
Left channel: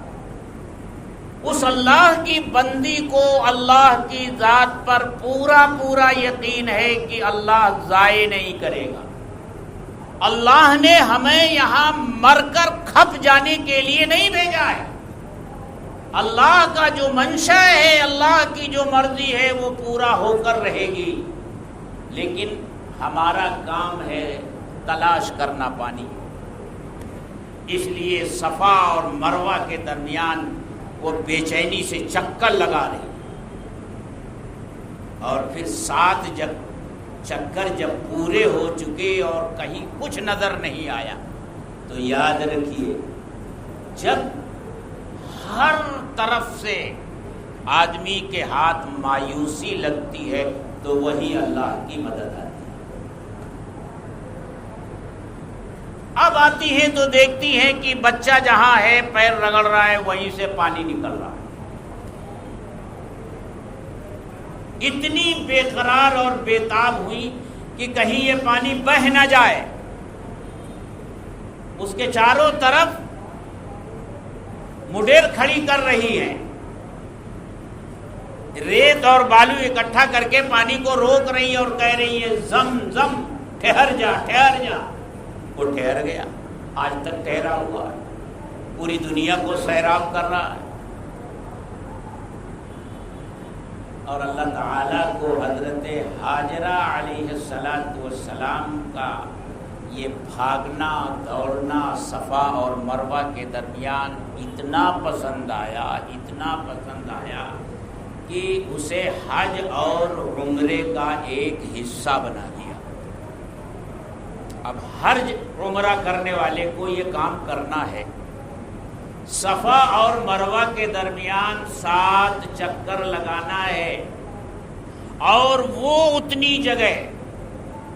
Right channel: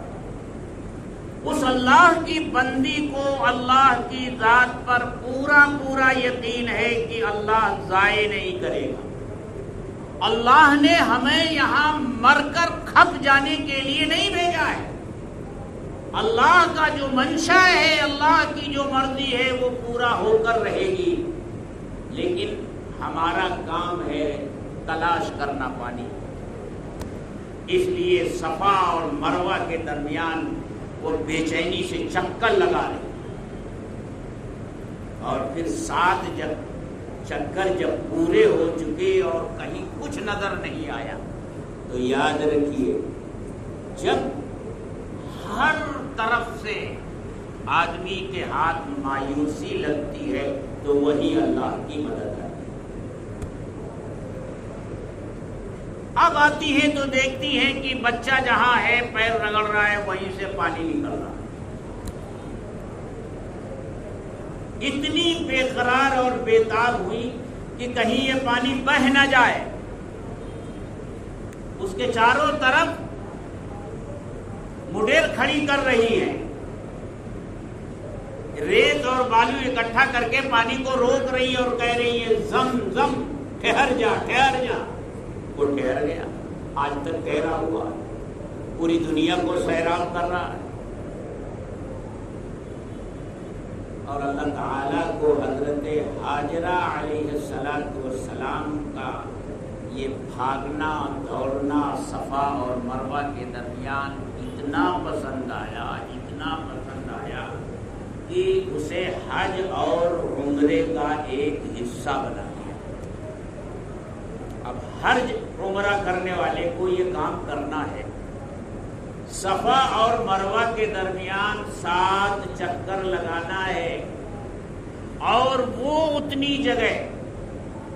اس اللہ کی بندی کو اللہ کی ذات پر پورا یقین ہے کہ اللہ ضائع نہیں کرے گا۔ اللہ نے ہمیں یہاں مر کر کھپ جانے کے لیے نہیں بھیجا ہے، اللہ کا جو منشا ہے، اللہ کی جو مرضی ہے وہ پورا ہو کر رہے گی، لیکن ہمارا کام ہے تلاش کرنا پانی۔ اس لیے صفا اور مروہ کے درمیان وہ بے چینی سے چکر لگا رہے، اور پھر 7 چکر جب پورے ہو چکے اور کہیں کچھ نظر نہیں آیا تو یاد رکھیے، جب ہر طرف سے آدمی کے ہاتھ مایوسی لگتی ہے تو وہی اللہ کی مدد آتی ہے۔ اب آتی ہے تو دیکھتی ہے کہ بچہ جہاں ہے پیر رگڑ رہا ہے وہیں سے پانی نکل رہا ہے، اتنی بے قرار اور بے تاب ہوئی کہ کہیں یہ پانی بہہ نہ جائے۔ اس کے چاروں طرف مڈیر کھڑی کر رہی ہے، ریت اور بالو اکٹھا کر کے پانی کو روک رہی ہے اور کہہ رہی ہے زم زم، ٹھہر جا ٹھہر جا۔ وہ ٹھہر گیا، آج تک ٹھہرا ہوا ہے، پوری دنیا کو سیراب کر رہا ہے۔ اور اللہ تعالیٰ کو حضرت حاجرہ علیہ السلام کا یہ بھاگنا دوڑنا صفا اور مروہ کے درمیان اتنا پسند آیا کہ اسے حج اور عمرے کا ایک حصہ بنا دیا۔ اب حج عمرہ کرنے والے کو یہ کام کرنا ہے، صفا اور مروہ کے درمیان 7 چکر لگانا ہے، اور وہ اتنی جگہ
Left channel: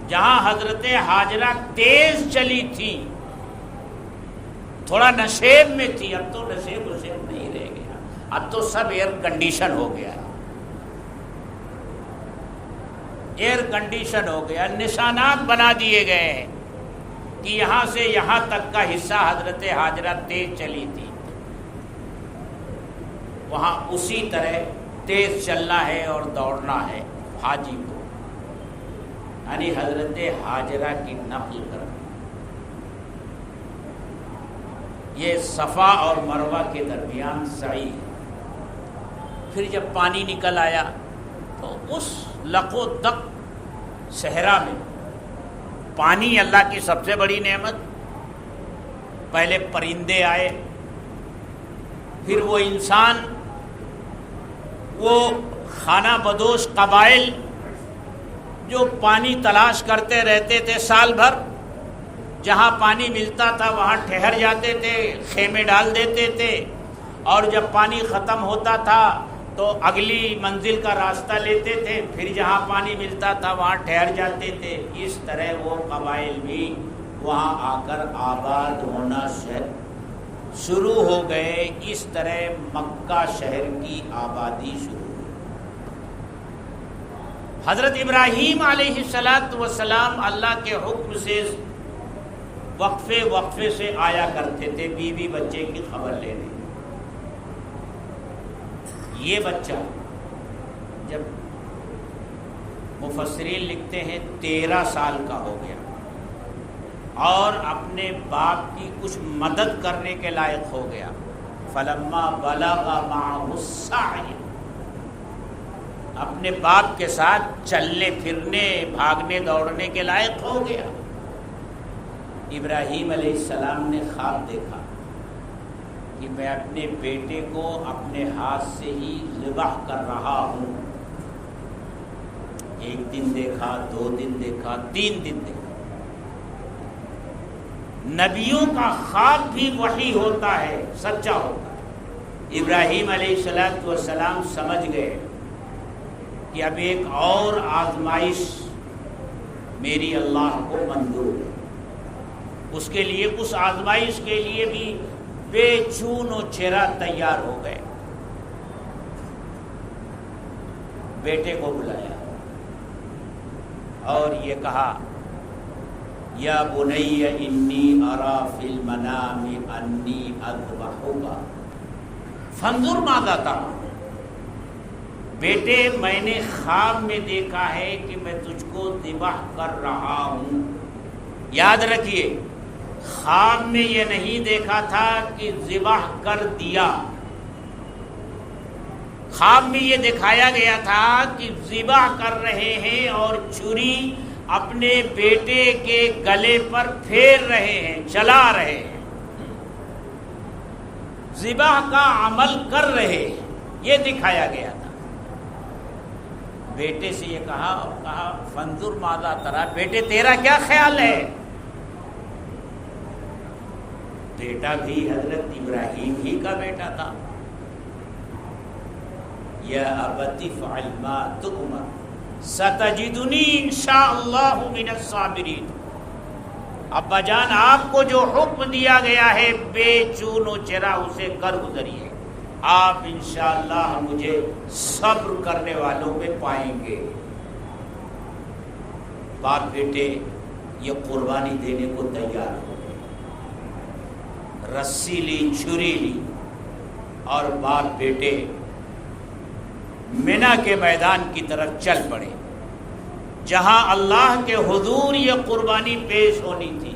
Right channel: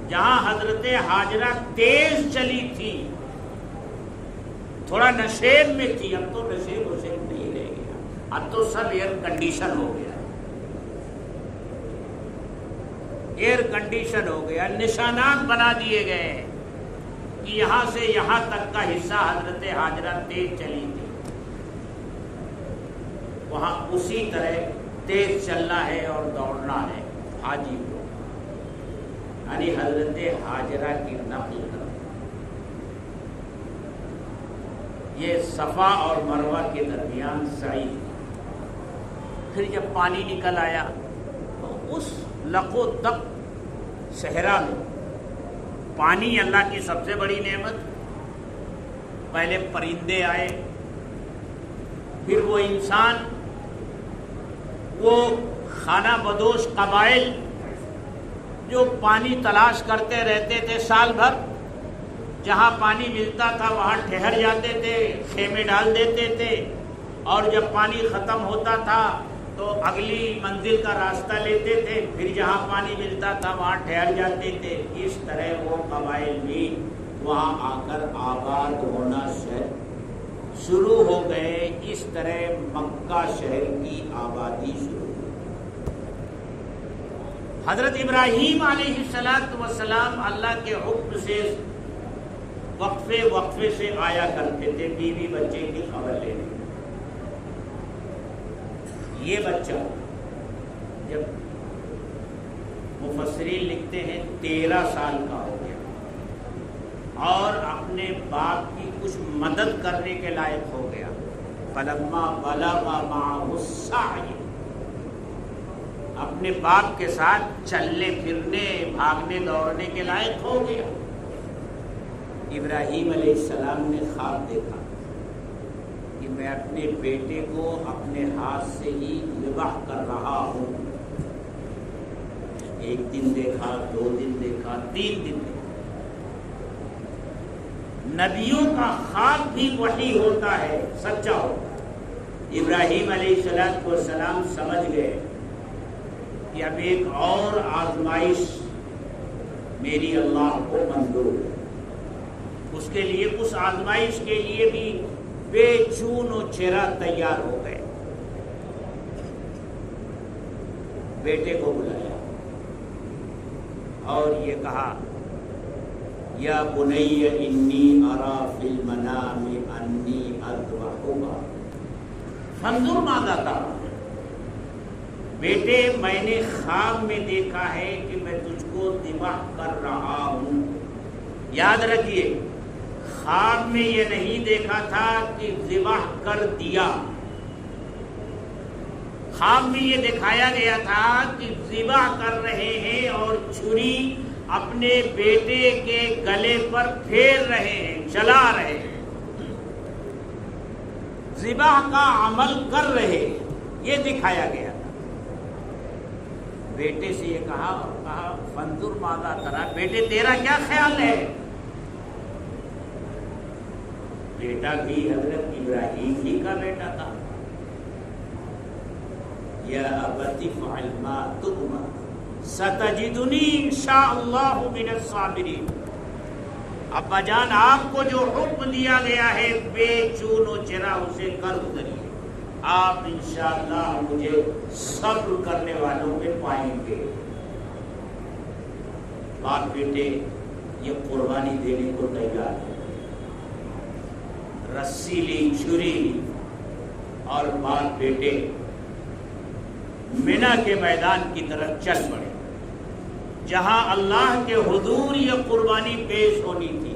جہاں حضرت حاجرہ تیز چلی تھی، تھوڑا نشیب میں تھی، اب تو نشیب نہیں رہ گیا، اب تو سب ایئر کنڈیشن ہو گیا، ایئر کنڈیشن ہو گیا، نشانات بنا دیے گئے ہیں کہ یہاں سے یہاں تک کا حصہ حضرت حاجرہ تیز چلی تھی، وہاں اسی طرح تیز چلنا ہے اور دوڑنا ہے حاجی کو، یعنی حضرت حاجرہ کی نقل کرنا۔ یہ صفا اور مروہ کے درمیان سعی ہے۔ پھر جب پانی نکل آیا تو اس لقو تک صحرا میں، پانی اللہ کی سب سے بڑی نعمت، پہلے پرندے آئے، پھر وہ انسان، وہ خانہ بدوش قبائل جو پانی تلاش کرتے رہتے تھے سال بھر، جہاں پانی ملتا تھا وہاں ٹھہر جاتے تھے، خیمے ڈال دیتے تھے، اور جب پانی ختم ہوتا تھا تو اگلی منزل کا راستہ لیتے تھے، پھر جہاں پانی ملتا تھا وہاں ٹھہر جاتے تھے۔ اس طرح وہ قبائل بھی وہاں آ کر آباد ہونا شروع ہو گئے۔ اس طرح مکہ شہر کی آبادی شروع ہوئی۔ حضرت ابراہیم علیہ السلام اللہ کے حکم سے وقفے سے آیا کرتے تھے بیوی بچے کی خبر لینے۔ یہ بچہ جب مفسرین لکھتے ہیں 13 سال کا ہو گیا اور اپنے باپ کی کچھ مدد کرنے کے لائق ہو گیا، فلما بلغ معه السعی، اپنے باپ کے ساتھ چلنے پھرنے بھاگنے دوڑنے کے لائق ہو گیا۔ ابراہیم علیہ السلام نے خواب دیکھا کہ میں اپنے بیٹے کو اپنے ہاتھ سے ہی ذبح کر رہا ہوں۔ ایک دن دیکھا، 2 دن دیکھا، 3 دن دیکھا۔ نبیوں کا خواب بھی وحی ہوتا ہے، سچا ہوتا ہے۔ ابراہیم علیہ السلام سمجھ گئے کہ اب ایک اور آزمائش میری اللہ کو منظور ہے۔ اس کے لیے، اس آزمائش کے لیے بھی بے چون و چرا تیار ہو گئے۔ بیٹے کو بلایا اور یہ کہا، یا بنی انی ارا فی المنام انی اذبحک فانظر ماذا ترى، بیٹے میں نے خواب میں دیکھا ہے کہ میں تجھ کو ذبح کر رہا ہوں۔ یاد رکھیے، خواب میں یہ نہیں دیکھا تھا کہ ذبح کر دیا، خواب میں یہ دکھایا گیا تھا کہ ذبح کر رہے ہیں اور چھری اپنے بیٹے کے گلے پر پھیر رہے ہیں، چلا رہے ہیں، ذبح کا عمل کر رہے ہیں، یہ دکھایا گیا تھا۔ بیٹے سے یہ کہا فانظر ماذا ترى، بیٹے تیرا کیا خیال ہے؟ بیٹا بھی حضرت ابراہیم ہی کا بیٹا تھا۔ یا ابت افعل ما تؤمر ستجدنی انشاءاللہ من الصابرین، ابا جان آپ کو جو حکم دیا گیا ہے بے چون و چرا اسے کر گزریے، آپ انشاءاللہ مجھے صبر کرنے والوں میں پائیں گے۔ باپ بیٹے یہ قربانی دینے کو تیار ہو، رسی لی، چھری لی، اور باپ بیٹے منی کے میدان کی طرف چل پڑے، جہاں اللہ کے حضور یہ قربانی پیش ہونی تھی۔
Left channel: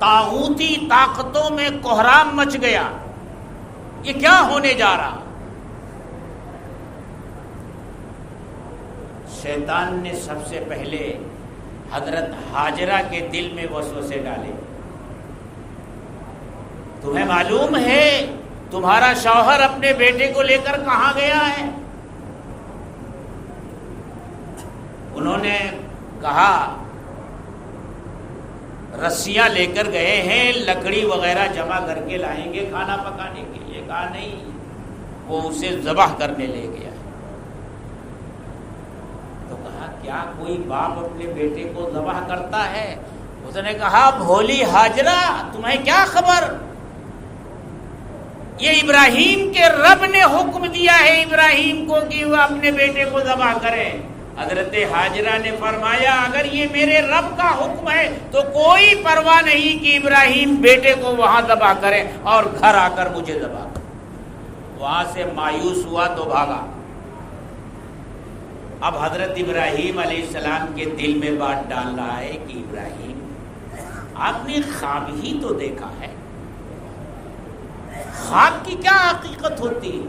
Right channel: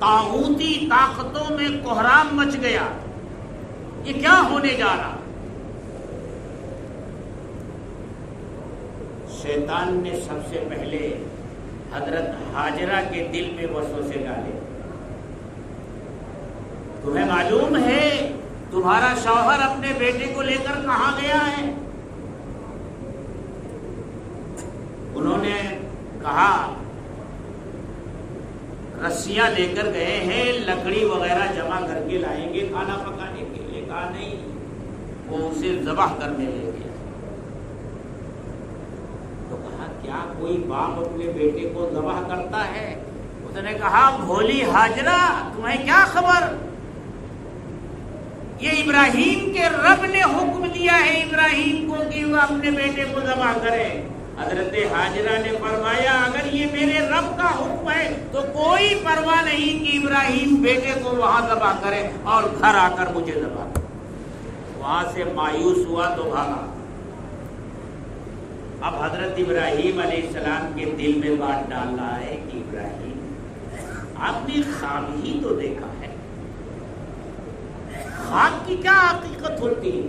طاغوتی طاقتوں میں کوہرام مچ گیا، یہ کیا ہونے جا رہا؟ شیطان نے سب سے پہلے حضرت ہاجرہ کے دل میں وسوسے ڈالے۔ تمہیں معلوم ہے تمہارا شوہر اپنے بیٹے کو لے کر کہاں گیا ہے؟ انہوں نے کہا رسیاں لے کر گئے ہیں، لکڑی وغیرہ جمع کر کے لائیں گے کھانا پکانے کے لیے۔ کہا نہیں، وہ اسے ذبح کرنے لے گیا۔ تو کہا کیا کوئی باپ اپنے بیٹے کو ذبح کرتا ہے؟ اس نے کہا بھولی ہاجرہ، تمہیں کیا خبر؟ یہ ابراہیم کے رب نے حکم دیا ہے ابراہیم کو کہ وہ اپنے بیٹے کو ذبح کرے۔ حضرت ہاجرہ نے فرمایا اگر یہ میرے رب کا حکم ہے تو کوئی پرواہ نہیں کہ ابراہیم بیٹے کو وہاں ذبح کرے اور گھر آ کر مجھے ذبح کرے۔ وہاں سے مایوس ہوا تو بھاگا۔ اب حضرت ابراہیم علیہ السلام کے دل میں بات ڈال رہا ہے کہ ابراہیم آپ نے خواب ہی تو دیکھا ہے، خواب کی کیا حقیقت ہوتی ہے؟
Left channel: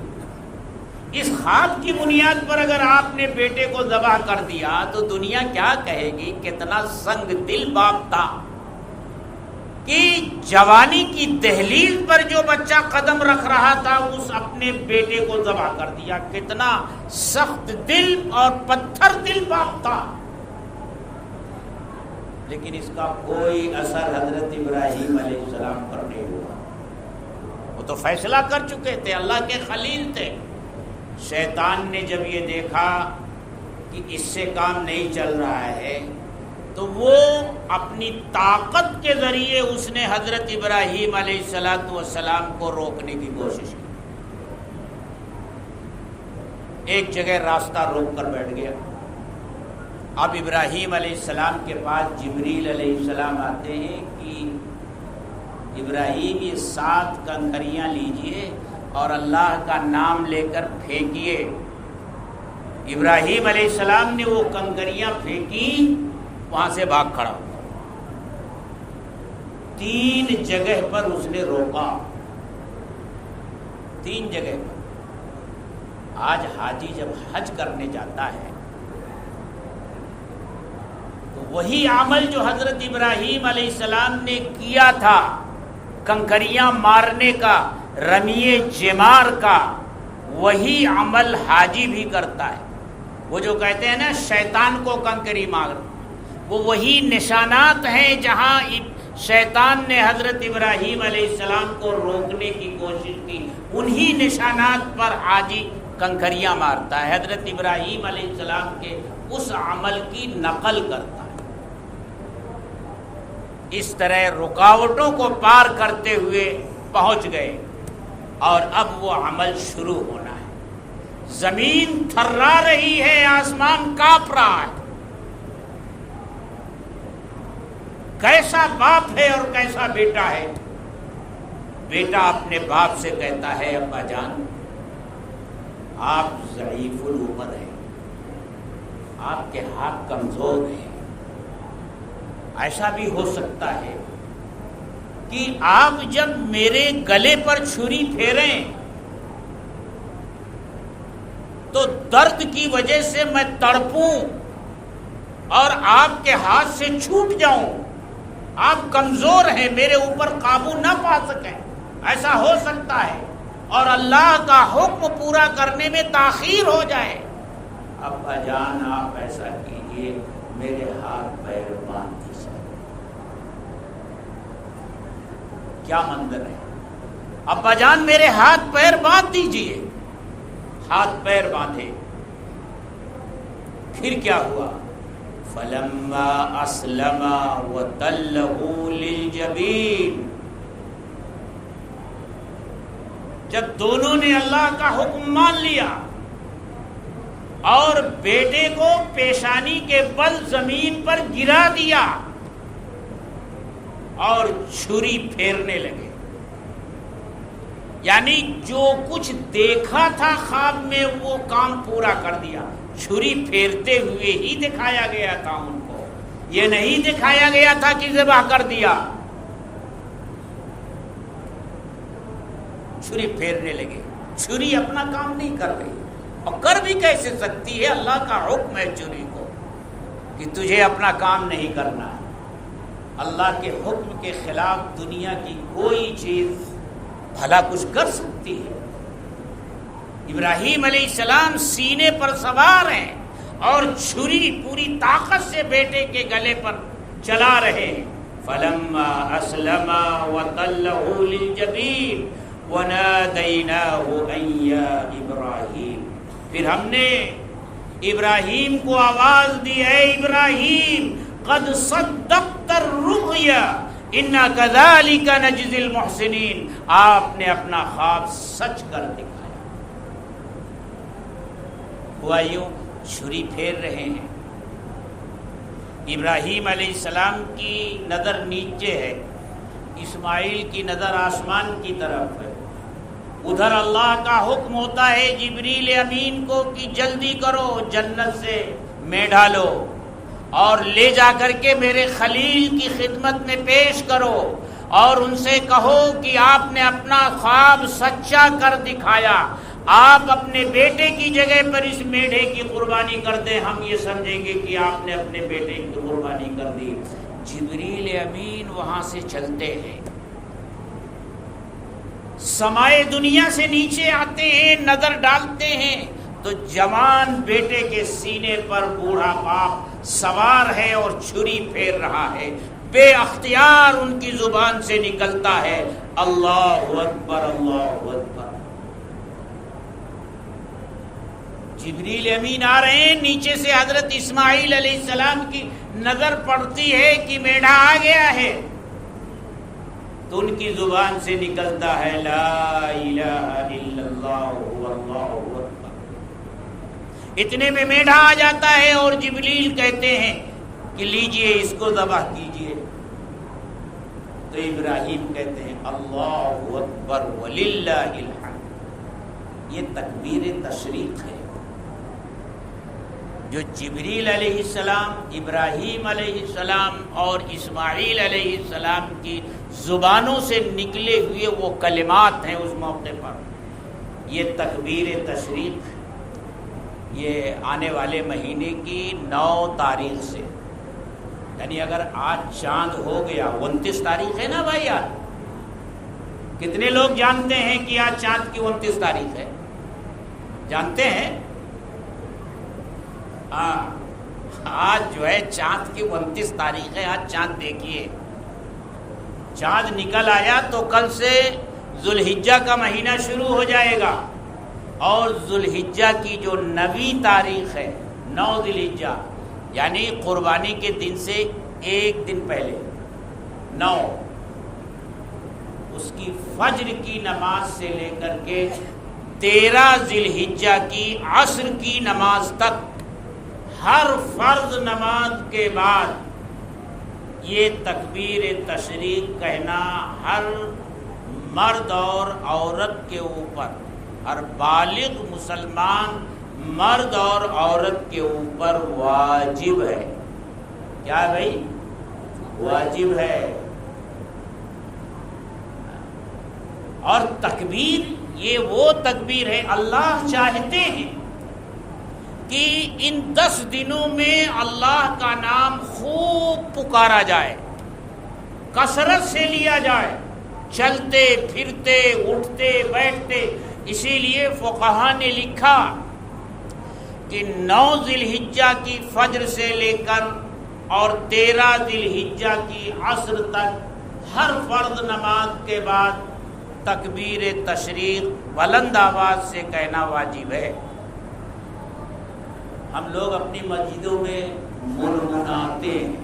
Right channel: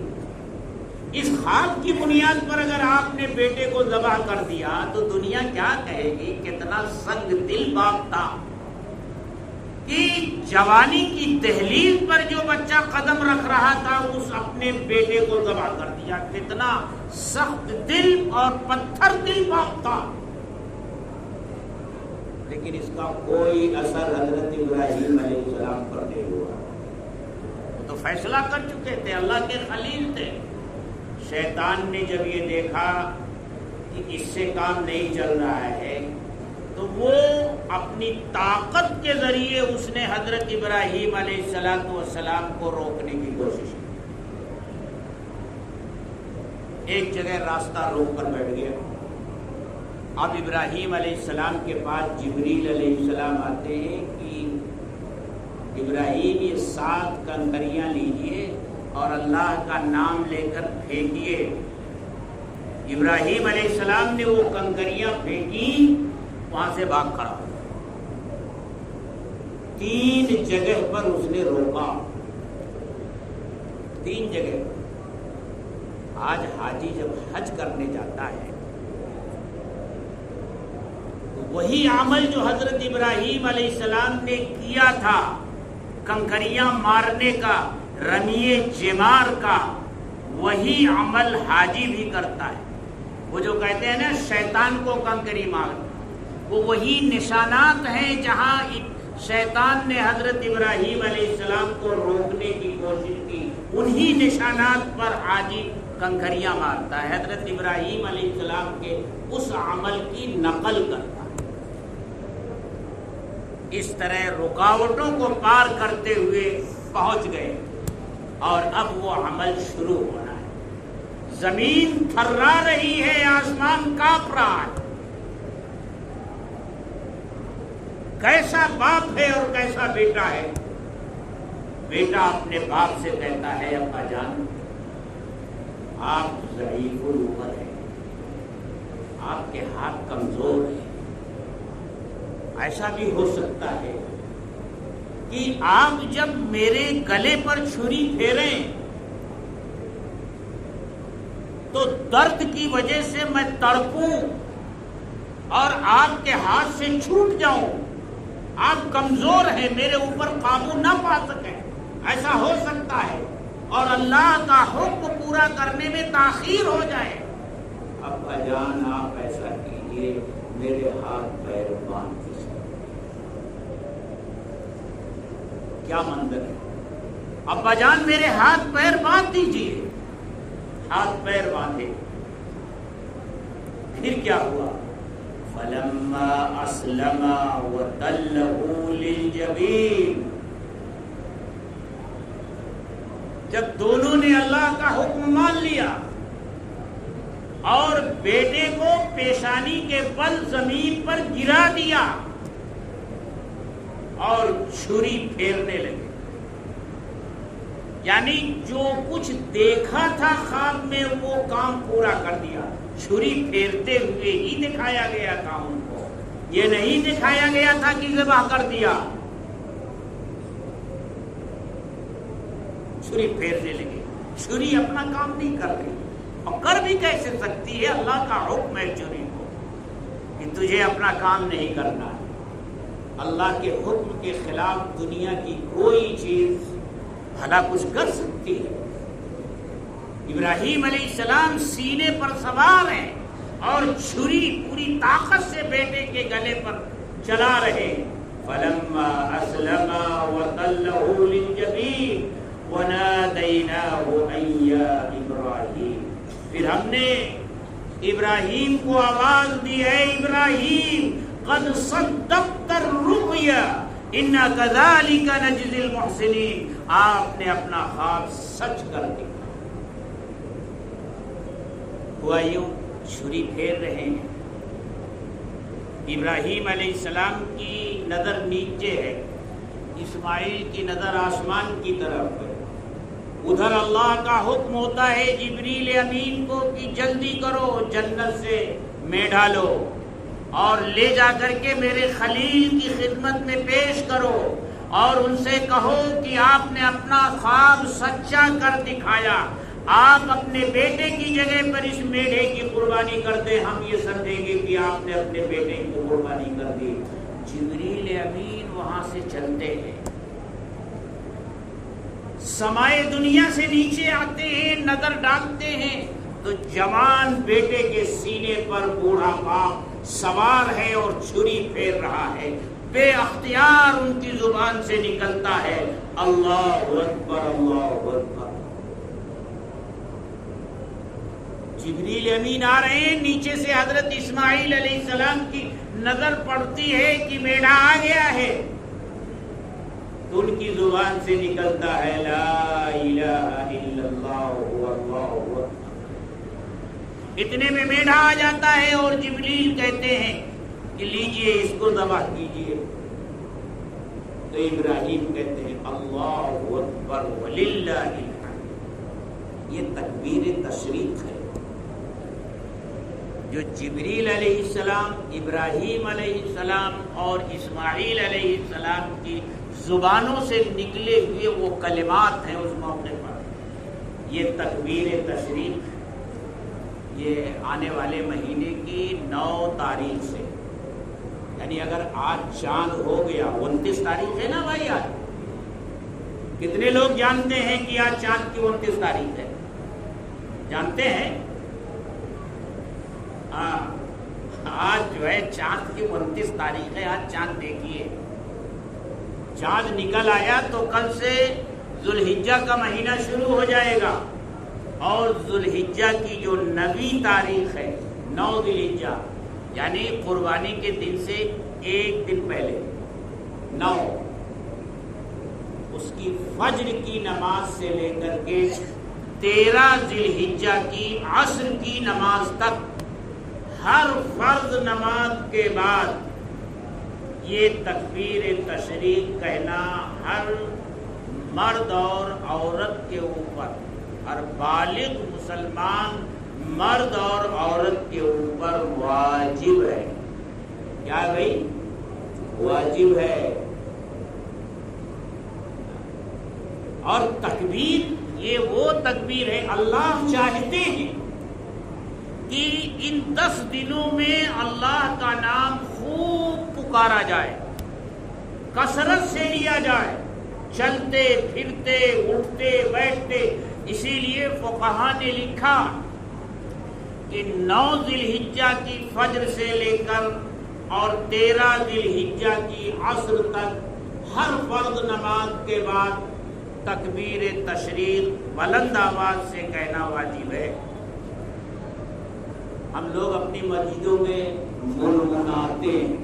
اس خواب کی بنیاد پر اگر آپ نے بیٹے کو ذبح کر دیا تو دنیا کیا کہے گی؟ کتنا سنگ دل باپ تھا، کہ جوانی کی دہلیز پر جو بچہ قدم رکھ رہا تھا اس اپنے بیٹے کو ذبح کر دیا. کتنا سخت دل اور پتھر دل باپ تھا، لیکن اس کا کوئی اثر حضرت ابراہیم علیہ السلام پر نہیں ہوا. وہ تو فیصلہ کر چکے تھے، اللہ کے خلیل تھے. شیطان نے جب یہ دیکھا کہ اس سے کام نہیں چل رہا ہے تو وہ اپنی طاقت کے ذریعے اس نے حضرت ابراہیم علیہ السلام کو روکنے کی کوشش کی. ایک جگہ راستہ روک کر بیٹھ گیا. اب ابراہیم علیہ السلام کے پاس جبریل علیہ السلام آتے ہیں کہ ابراہیم یہ 7 کنکریاں لیجئے اور اللہ کا نام لے کر پھینکیے. ابراہیم علیہ السلام نے وہ کنکریاں پھینکی، وہاں سے بھاگ کھڑا. 3 جگہ پر اس نے روکا، 3 جگہ پر. آج حاجی جب حج کرنے جاتا ہے تو وہی عمل جو حضرت ابراہیم علیہ السلام نے کیا تھا، کنکریاں مارنے کا، رمیے جمار کا، وہی عمل حاجی بھی کرتا ہے. وہ جو کہتے ہیں نا شیطان کو کنکری مار، وہ وہی نشانات ہیں جہاں شیطان نے حضرت ابراہیم علیہ السلام کو روکنے کی کوشش کی، انہی نشانات پر حاجی کنکریاں مارتا ہے. حضرت ابراہیم علیہ السلام کے اس عمل کی نقل کرتا ہے. اس طرح رکاوٹوں کو پار کرتے ہوئے پہنچ گئے اور اب وہ عمل شروع ہونا ہے. زمین تھرا رہی ہے، آسمان کانپ رہا ہے. کیسا باپ ہے اور کیسا بیٹا ہے. بیٹا اپنے باپ سے کہتا ہے ابا جان آپ ضعیف العمر ہیں، آپ کے ہاتھ کمزور ہیں. ایسا بھی ہو سکتا ہے کہ آپ جب میرے گلے پر چھری پھیریں تو درد کی وجہ سے میں تڑپوں اور آپ کے ہاتھ سے چھوٹ جاؤں. آپ کمزور ہیں، میرے اوپر قابو نہ پا سکیں. ایسا ہو سکتا ہے اور اللہ کا حکم پورا کرنے میں تاخیر ہو جائے. ابا جان آپ ایسا کیجئے، میرے ہاتھ پیر باندھ دیجیے. کیا منظر ہے. ابا جان میرے ہاتھ پیر باندھ دیجئے. ہاتھ پیر باندھے. پھر کیا ہوا؟ فلما اسلم وتلہ للجبین. جب دونوں نے اللہ کا حکم مان لیا اور بیٹے کو پیشانی کے بل زمین پر گرا دیا اور چھری پھیرنے لگے. یعنی جو کچھ دیکھا تھا خواب میں وہ کام پورا کر دیا. چھری پھیرتے ہوئے ہی دکھایا گیا تھا ان کو، یہ نہیں دکھایا گیا تھا کہ ذبح کر دیا. چھری پھیرنے لگے. چھری اپنا کام نہیں کر رہی، اور کر بھی کیسے سکتی ہے؟ اللہ کا حکم ہے چھری کو کہ تجھے اپنا کام نہیں کرنا. اللہ کے حکم کے خلاف دنیا کی کوئی چیز بھلا کچھ کر سکتی ہے؟ ابراہیم علیہ السلام سینے پر سوار ہیں اور چھری پوری طاقت سے بیٹے کے گلے پر چلا رہے. فلما اسلم وتلہ للجبین ونادیناہ ان یا ابراہیم. پھر ہم نے ابراہیم کو آواز دی، اے ابراہیم قد صدقت الرؤیا انا کذالک نجزی المحسنین. آپ نے اپنا خواب سچ کر دکھایا. ہوا یوں، چھری پھیر رہے ہیں. ابراہیم علیہ السلام کی نظر نیچے ہے، اسماعیل کی نظر آسمان کی طرف ہے. ادھر اللہ کا حکم ہوتا ہے جبریل امین کو کہ جلدی کرو، جنت سے میں ڈالو اور لے جا کر کے میرے خلیل کی خدمت میں پیش کرو اور ان سے کہو کہ آپ نے اپنا خواب سچا کر دکھایا. آپ اپنے بیٹے کی جگہ پر اس میڈے کی قربانی کر دیں، ہم یہ سمجھیں گے کہ آپ نے اپنے بیٹے کی قربانی کر دی. جبریل امین وہاں سے چلتے ہیں، سمائے دنیا سے نیچے آتے ہیں، نظر ڈالتے ہیں تو جوان بیٹے کے سینے پر بوڑھا باپ سوار ہے اور چھری پھیر رہا ہے، بے اختیار ان کی زبان سے نکلتا ہے اللہ اکبر اللہ اکبر۔ جبریل امین آ رہے ہیں، نیچے سے حضرت اسماعیل علیہ السلام کی نظر پڑتی ہے کہ میڑا آ گیا ہے، تو ان کی زبان سے نکلتا ہے لا الہ الا اللہ واللہ اکبر۔ اتنے میں میڑا آ جاتا ہے اور جبریل کہتے ہیں کہ لیجئے اس کو ذبح کیجئے، تو ابراہیم کہتے ہیں اللہ اکبر وللہ الحمد۔ یہ تکبیر تشریق ہے جو جبریل علیہ السلام، ابراہیم علیہ السلام اور اسماعیل علیہ السلام کی زبانوں سے نکلے ہوئے وہ کلمات ہیں اس موقع پر۔ یہ تکبیر تشریق ہے، یہ آنے والے مہینے کی 9 تاریخ سے، یعنی اگر آج چاند ہو گیا، 29 تاریخ ہے نا بھائی آج، کتنے لوگ جانتے ہیں کہ آج چاند کی 29 تاریخ ہے؟ جانتے ہیں؟ ہاں، آج جو ہے چاند کی 29 تاریخ ہے، آج چاند دیکھیے، چاند نکل آیا تو کل سے ذوالحجہ کا مہینہ شروع ہو جائے گا، اور ذوالحجہ کی جو 9ویں تاریخ ہے، 9 ذوالحجہ یعنی قربانی کے دن سے ایک دن پہلے 9، اس کی فجر کی نماز سے لے کر کے 13 ذوالحجہ کی عصر کی نماز تک ہر فرض نماز کے بعد یہ تکبیر تشریق کہنا ہر مرد اور عورت کے اوپر، ہر بالغ مسلمان مرد اور عورت کے اوپر واجب ہے۔ کیا بھائی؟ واجب ہے۔ اور تکبیر یہ وہ تکبیر ہے، اللہ چاہتے ہیں کہ ان 10 دنوں میں اللہ کا نام خوب پکارا جائے، کثرت سے لیا جائے، چلتے پھرتے اٹھتے بیٹھتے۔ اسی لیے فقہا نے لکھا کہ 9 ذوالحجہ کی فجر سے لے کر اور 13 ذوالحجہ کی عصر تک ہر فرض نماز کے بعد تکبیر تشریق بلند آواز سے کہنا واجب ہے۔ ہم لوگ اپنی مسجدوں میں مناتے ہیں،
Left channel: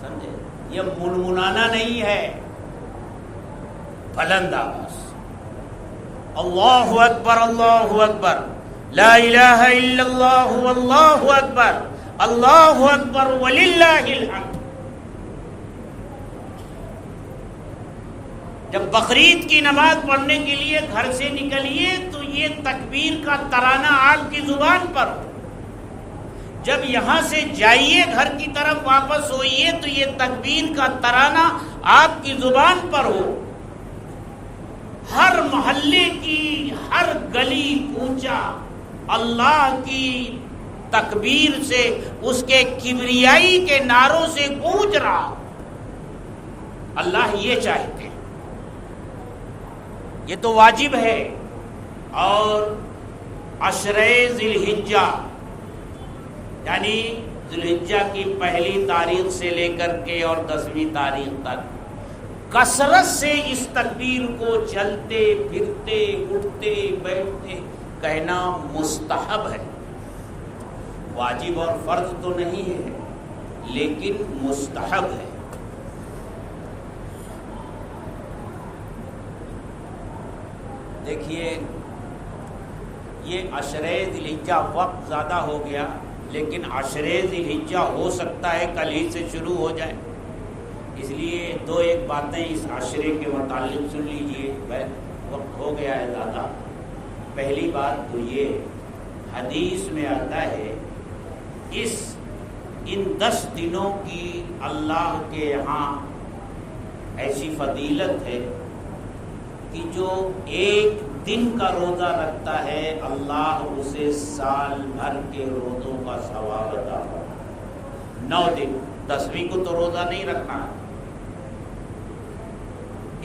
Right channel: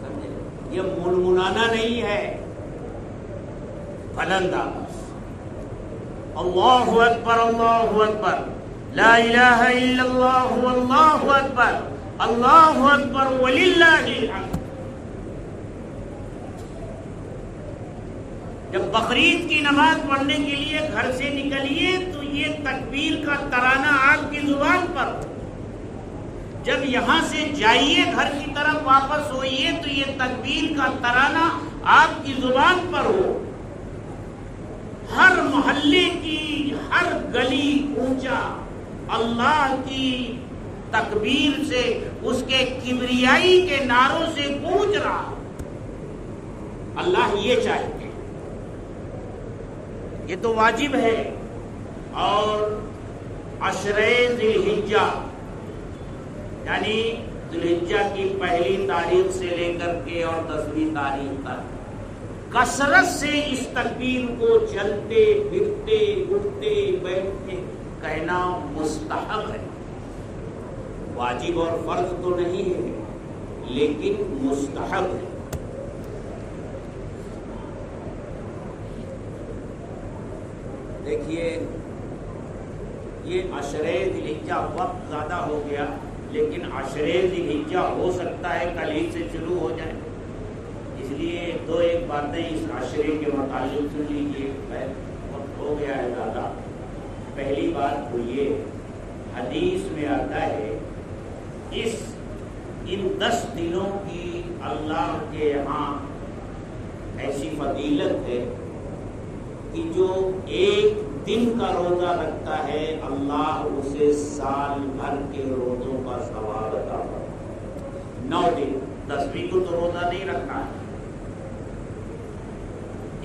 سمجھے؟ یہ منمنانا نہیں ہے، بلند آواز اللہ اکبر اللہ اکبر لا الہ الا اللہ واللہ اکبر اللہ اکبر وللہ الحمد۔ جب بقرعید کی نماز پڑھنے کے لیے گھر سے نکلیے تو یہ تکبیر کا ترانہ آپ کی زبان پر ہو، جب یہاں سے جائیے گھر کی طرف واپس ہوئیے تو یہ تکبیر کا ترانہ آپ کی زبان پر ہو، ہر محلے کی ہر گلی کوچہ اللہ کی تکبیر سے، اس کے کبریائی کے نعروں سے گونج رہا۔ اللہ یہ چاہتے ہیں، یہ تو واجب ہے۔ اور عشرے ذوالحجہ یعنی ذوالحجہ کی پہلی تاریخ سے لے کر کے اور 10ویں تاریخ تک کثرت سے اس تکبیر کو چلتے پھرتے اٹھتے بیٹھتے کہنا مستحب ہے، واجب اور فرض تو نہیں ہے لیکن مستحب ہے۔ دیکھیے یہ عشرے ذوالحجہ وقت زیادہ ہو گیا، لیکن عشرے ذوالحجہ ہو سکتا ہے کل ہی سے شروع ہو جائے، اس لیے 2-1 باتیں اس عشرے کے متعلق سن لیجیے، وقت ہو گیا ہے زیادہ۔ پہلی بات تو یہ حدیث میں آتا ہے ان 10 دنوں کی اللہ کے یہاں ایسی فضیلت ہے کہ جو ایک دن کا روزہ رکھتا ہے اللہ اسے سال بھر کے روزوں کا ثواب عطا کرتا ہے۔ 9 دن، 10ویں کو تو روزہ نہیں رکھنا،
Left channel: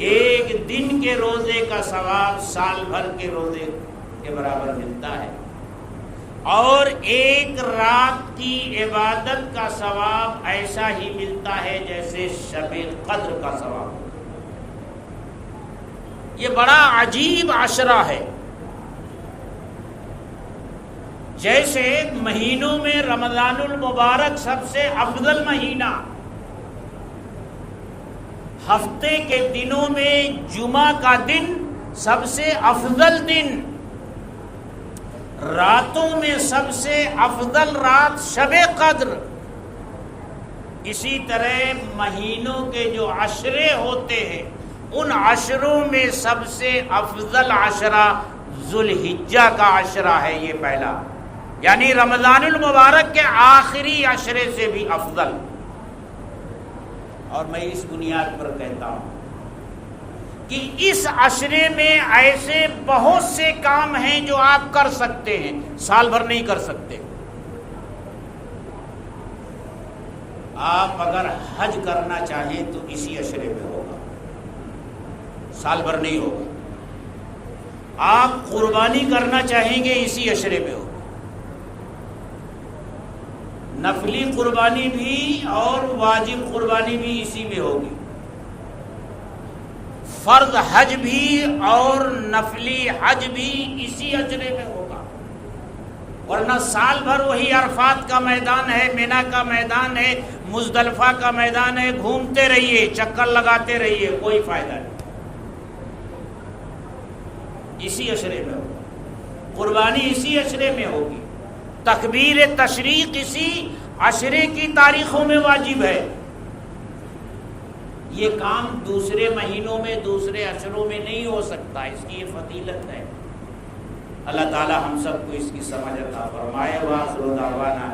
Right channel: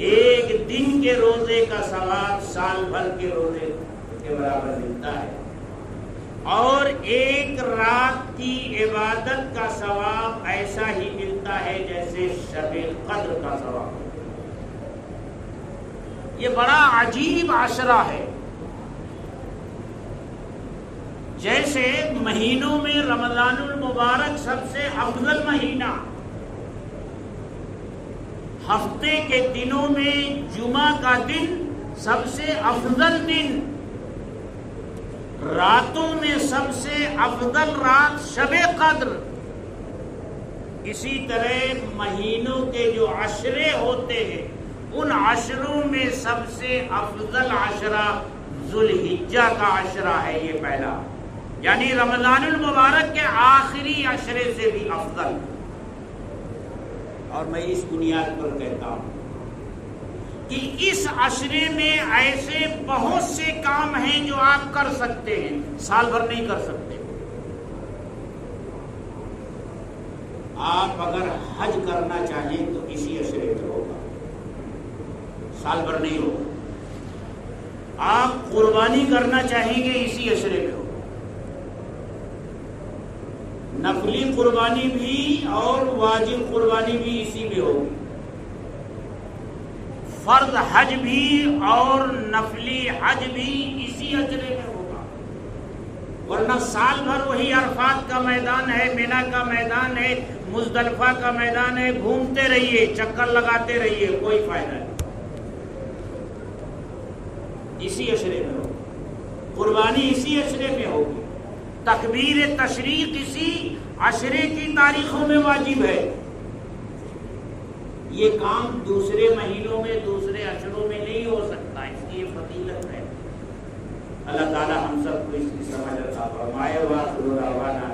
ایک دن کے روزے کا ثواب سال بھر کے روزے کے برابر ملتا ہے، اور ایک رات کی عبادت کا ثواب ایسا ہی ملتا ہے جیسے شب قدر کا ثواب۔ یہ بڑا عجیب عشرہ ہے۔ جیسے مہینوں میں رمضان المبارک سب سے افضل مہینہ، ہفتے کے دنوں میں جمعہ کا دن سب سے افضل دن، راتوں میں سب سے افضل رات شب قدر، اسی طرح مہینوں کے جو عشرے ہوتے ہیں ان عشروں میں سب سے افضل عشرہ ذوالحجہ کا عشرہ ہے، یہ پہلا، یعنی رمضان المبارک کے آخری عشرے سے بھی افضل۔ اور میں اس بنیاد پر کہتا ہوں کہ اس عشرے میں ایسے بہت سے کام ہیں جو آپ کر سکتے ہیں، سال بھر نہیں کر سکتے۔ آپ اگر حج کرنا چاہیں تو اسی عشرے میں ہوگا، سال بھر نہیں ہوگا۔ آپ قربانی کرنا چاہیں گے اسی عشرے میں ہوگا، نفلی قربانی بھی اور واجب قربانی بھی اسی میں ہوگی، فرض حج بھی اور نفلی حج بھی اسی عشرے میں ہوگا، ورنہ سال بھر وہی عرفات کا میدان ہے، مینا کا میدان ہے، مزدلفہ کا میدان ہے، گھومتے رہیے، چکر لگاتے رہیے، کوئی فائدہ نہیں۔ اسی عشرے میں ہوگی، قربانی اسی عشرے میں ہوگی، تکبیر تشریق اسی عشرے کی تاریخوں میں واجب ہے۔ یہ کام دوسرے مہینوں میں، دوسرے عشروں میں نہیں ہو سکتا، اس کی یہ فضیلت ہے۔ اللہ تعالی ہم سب کو اس کی سمجھ عطا فرمائے۔ وآخر دعوانا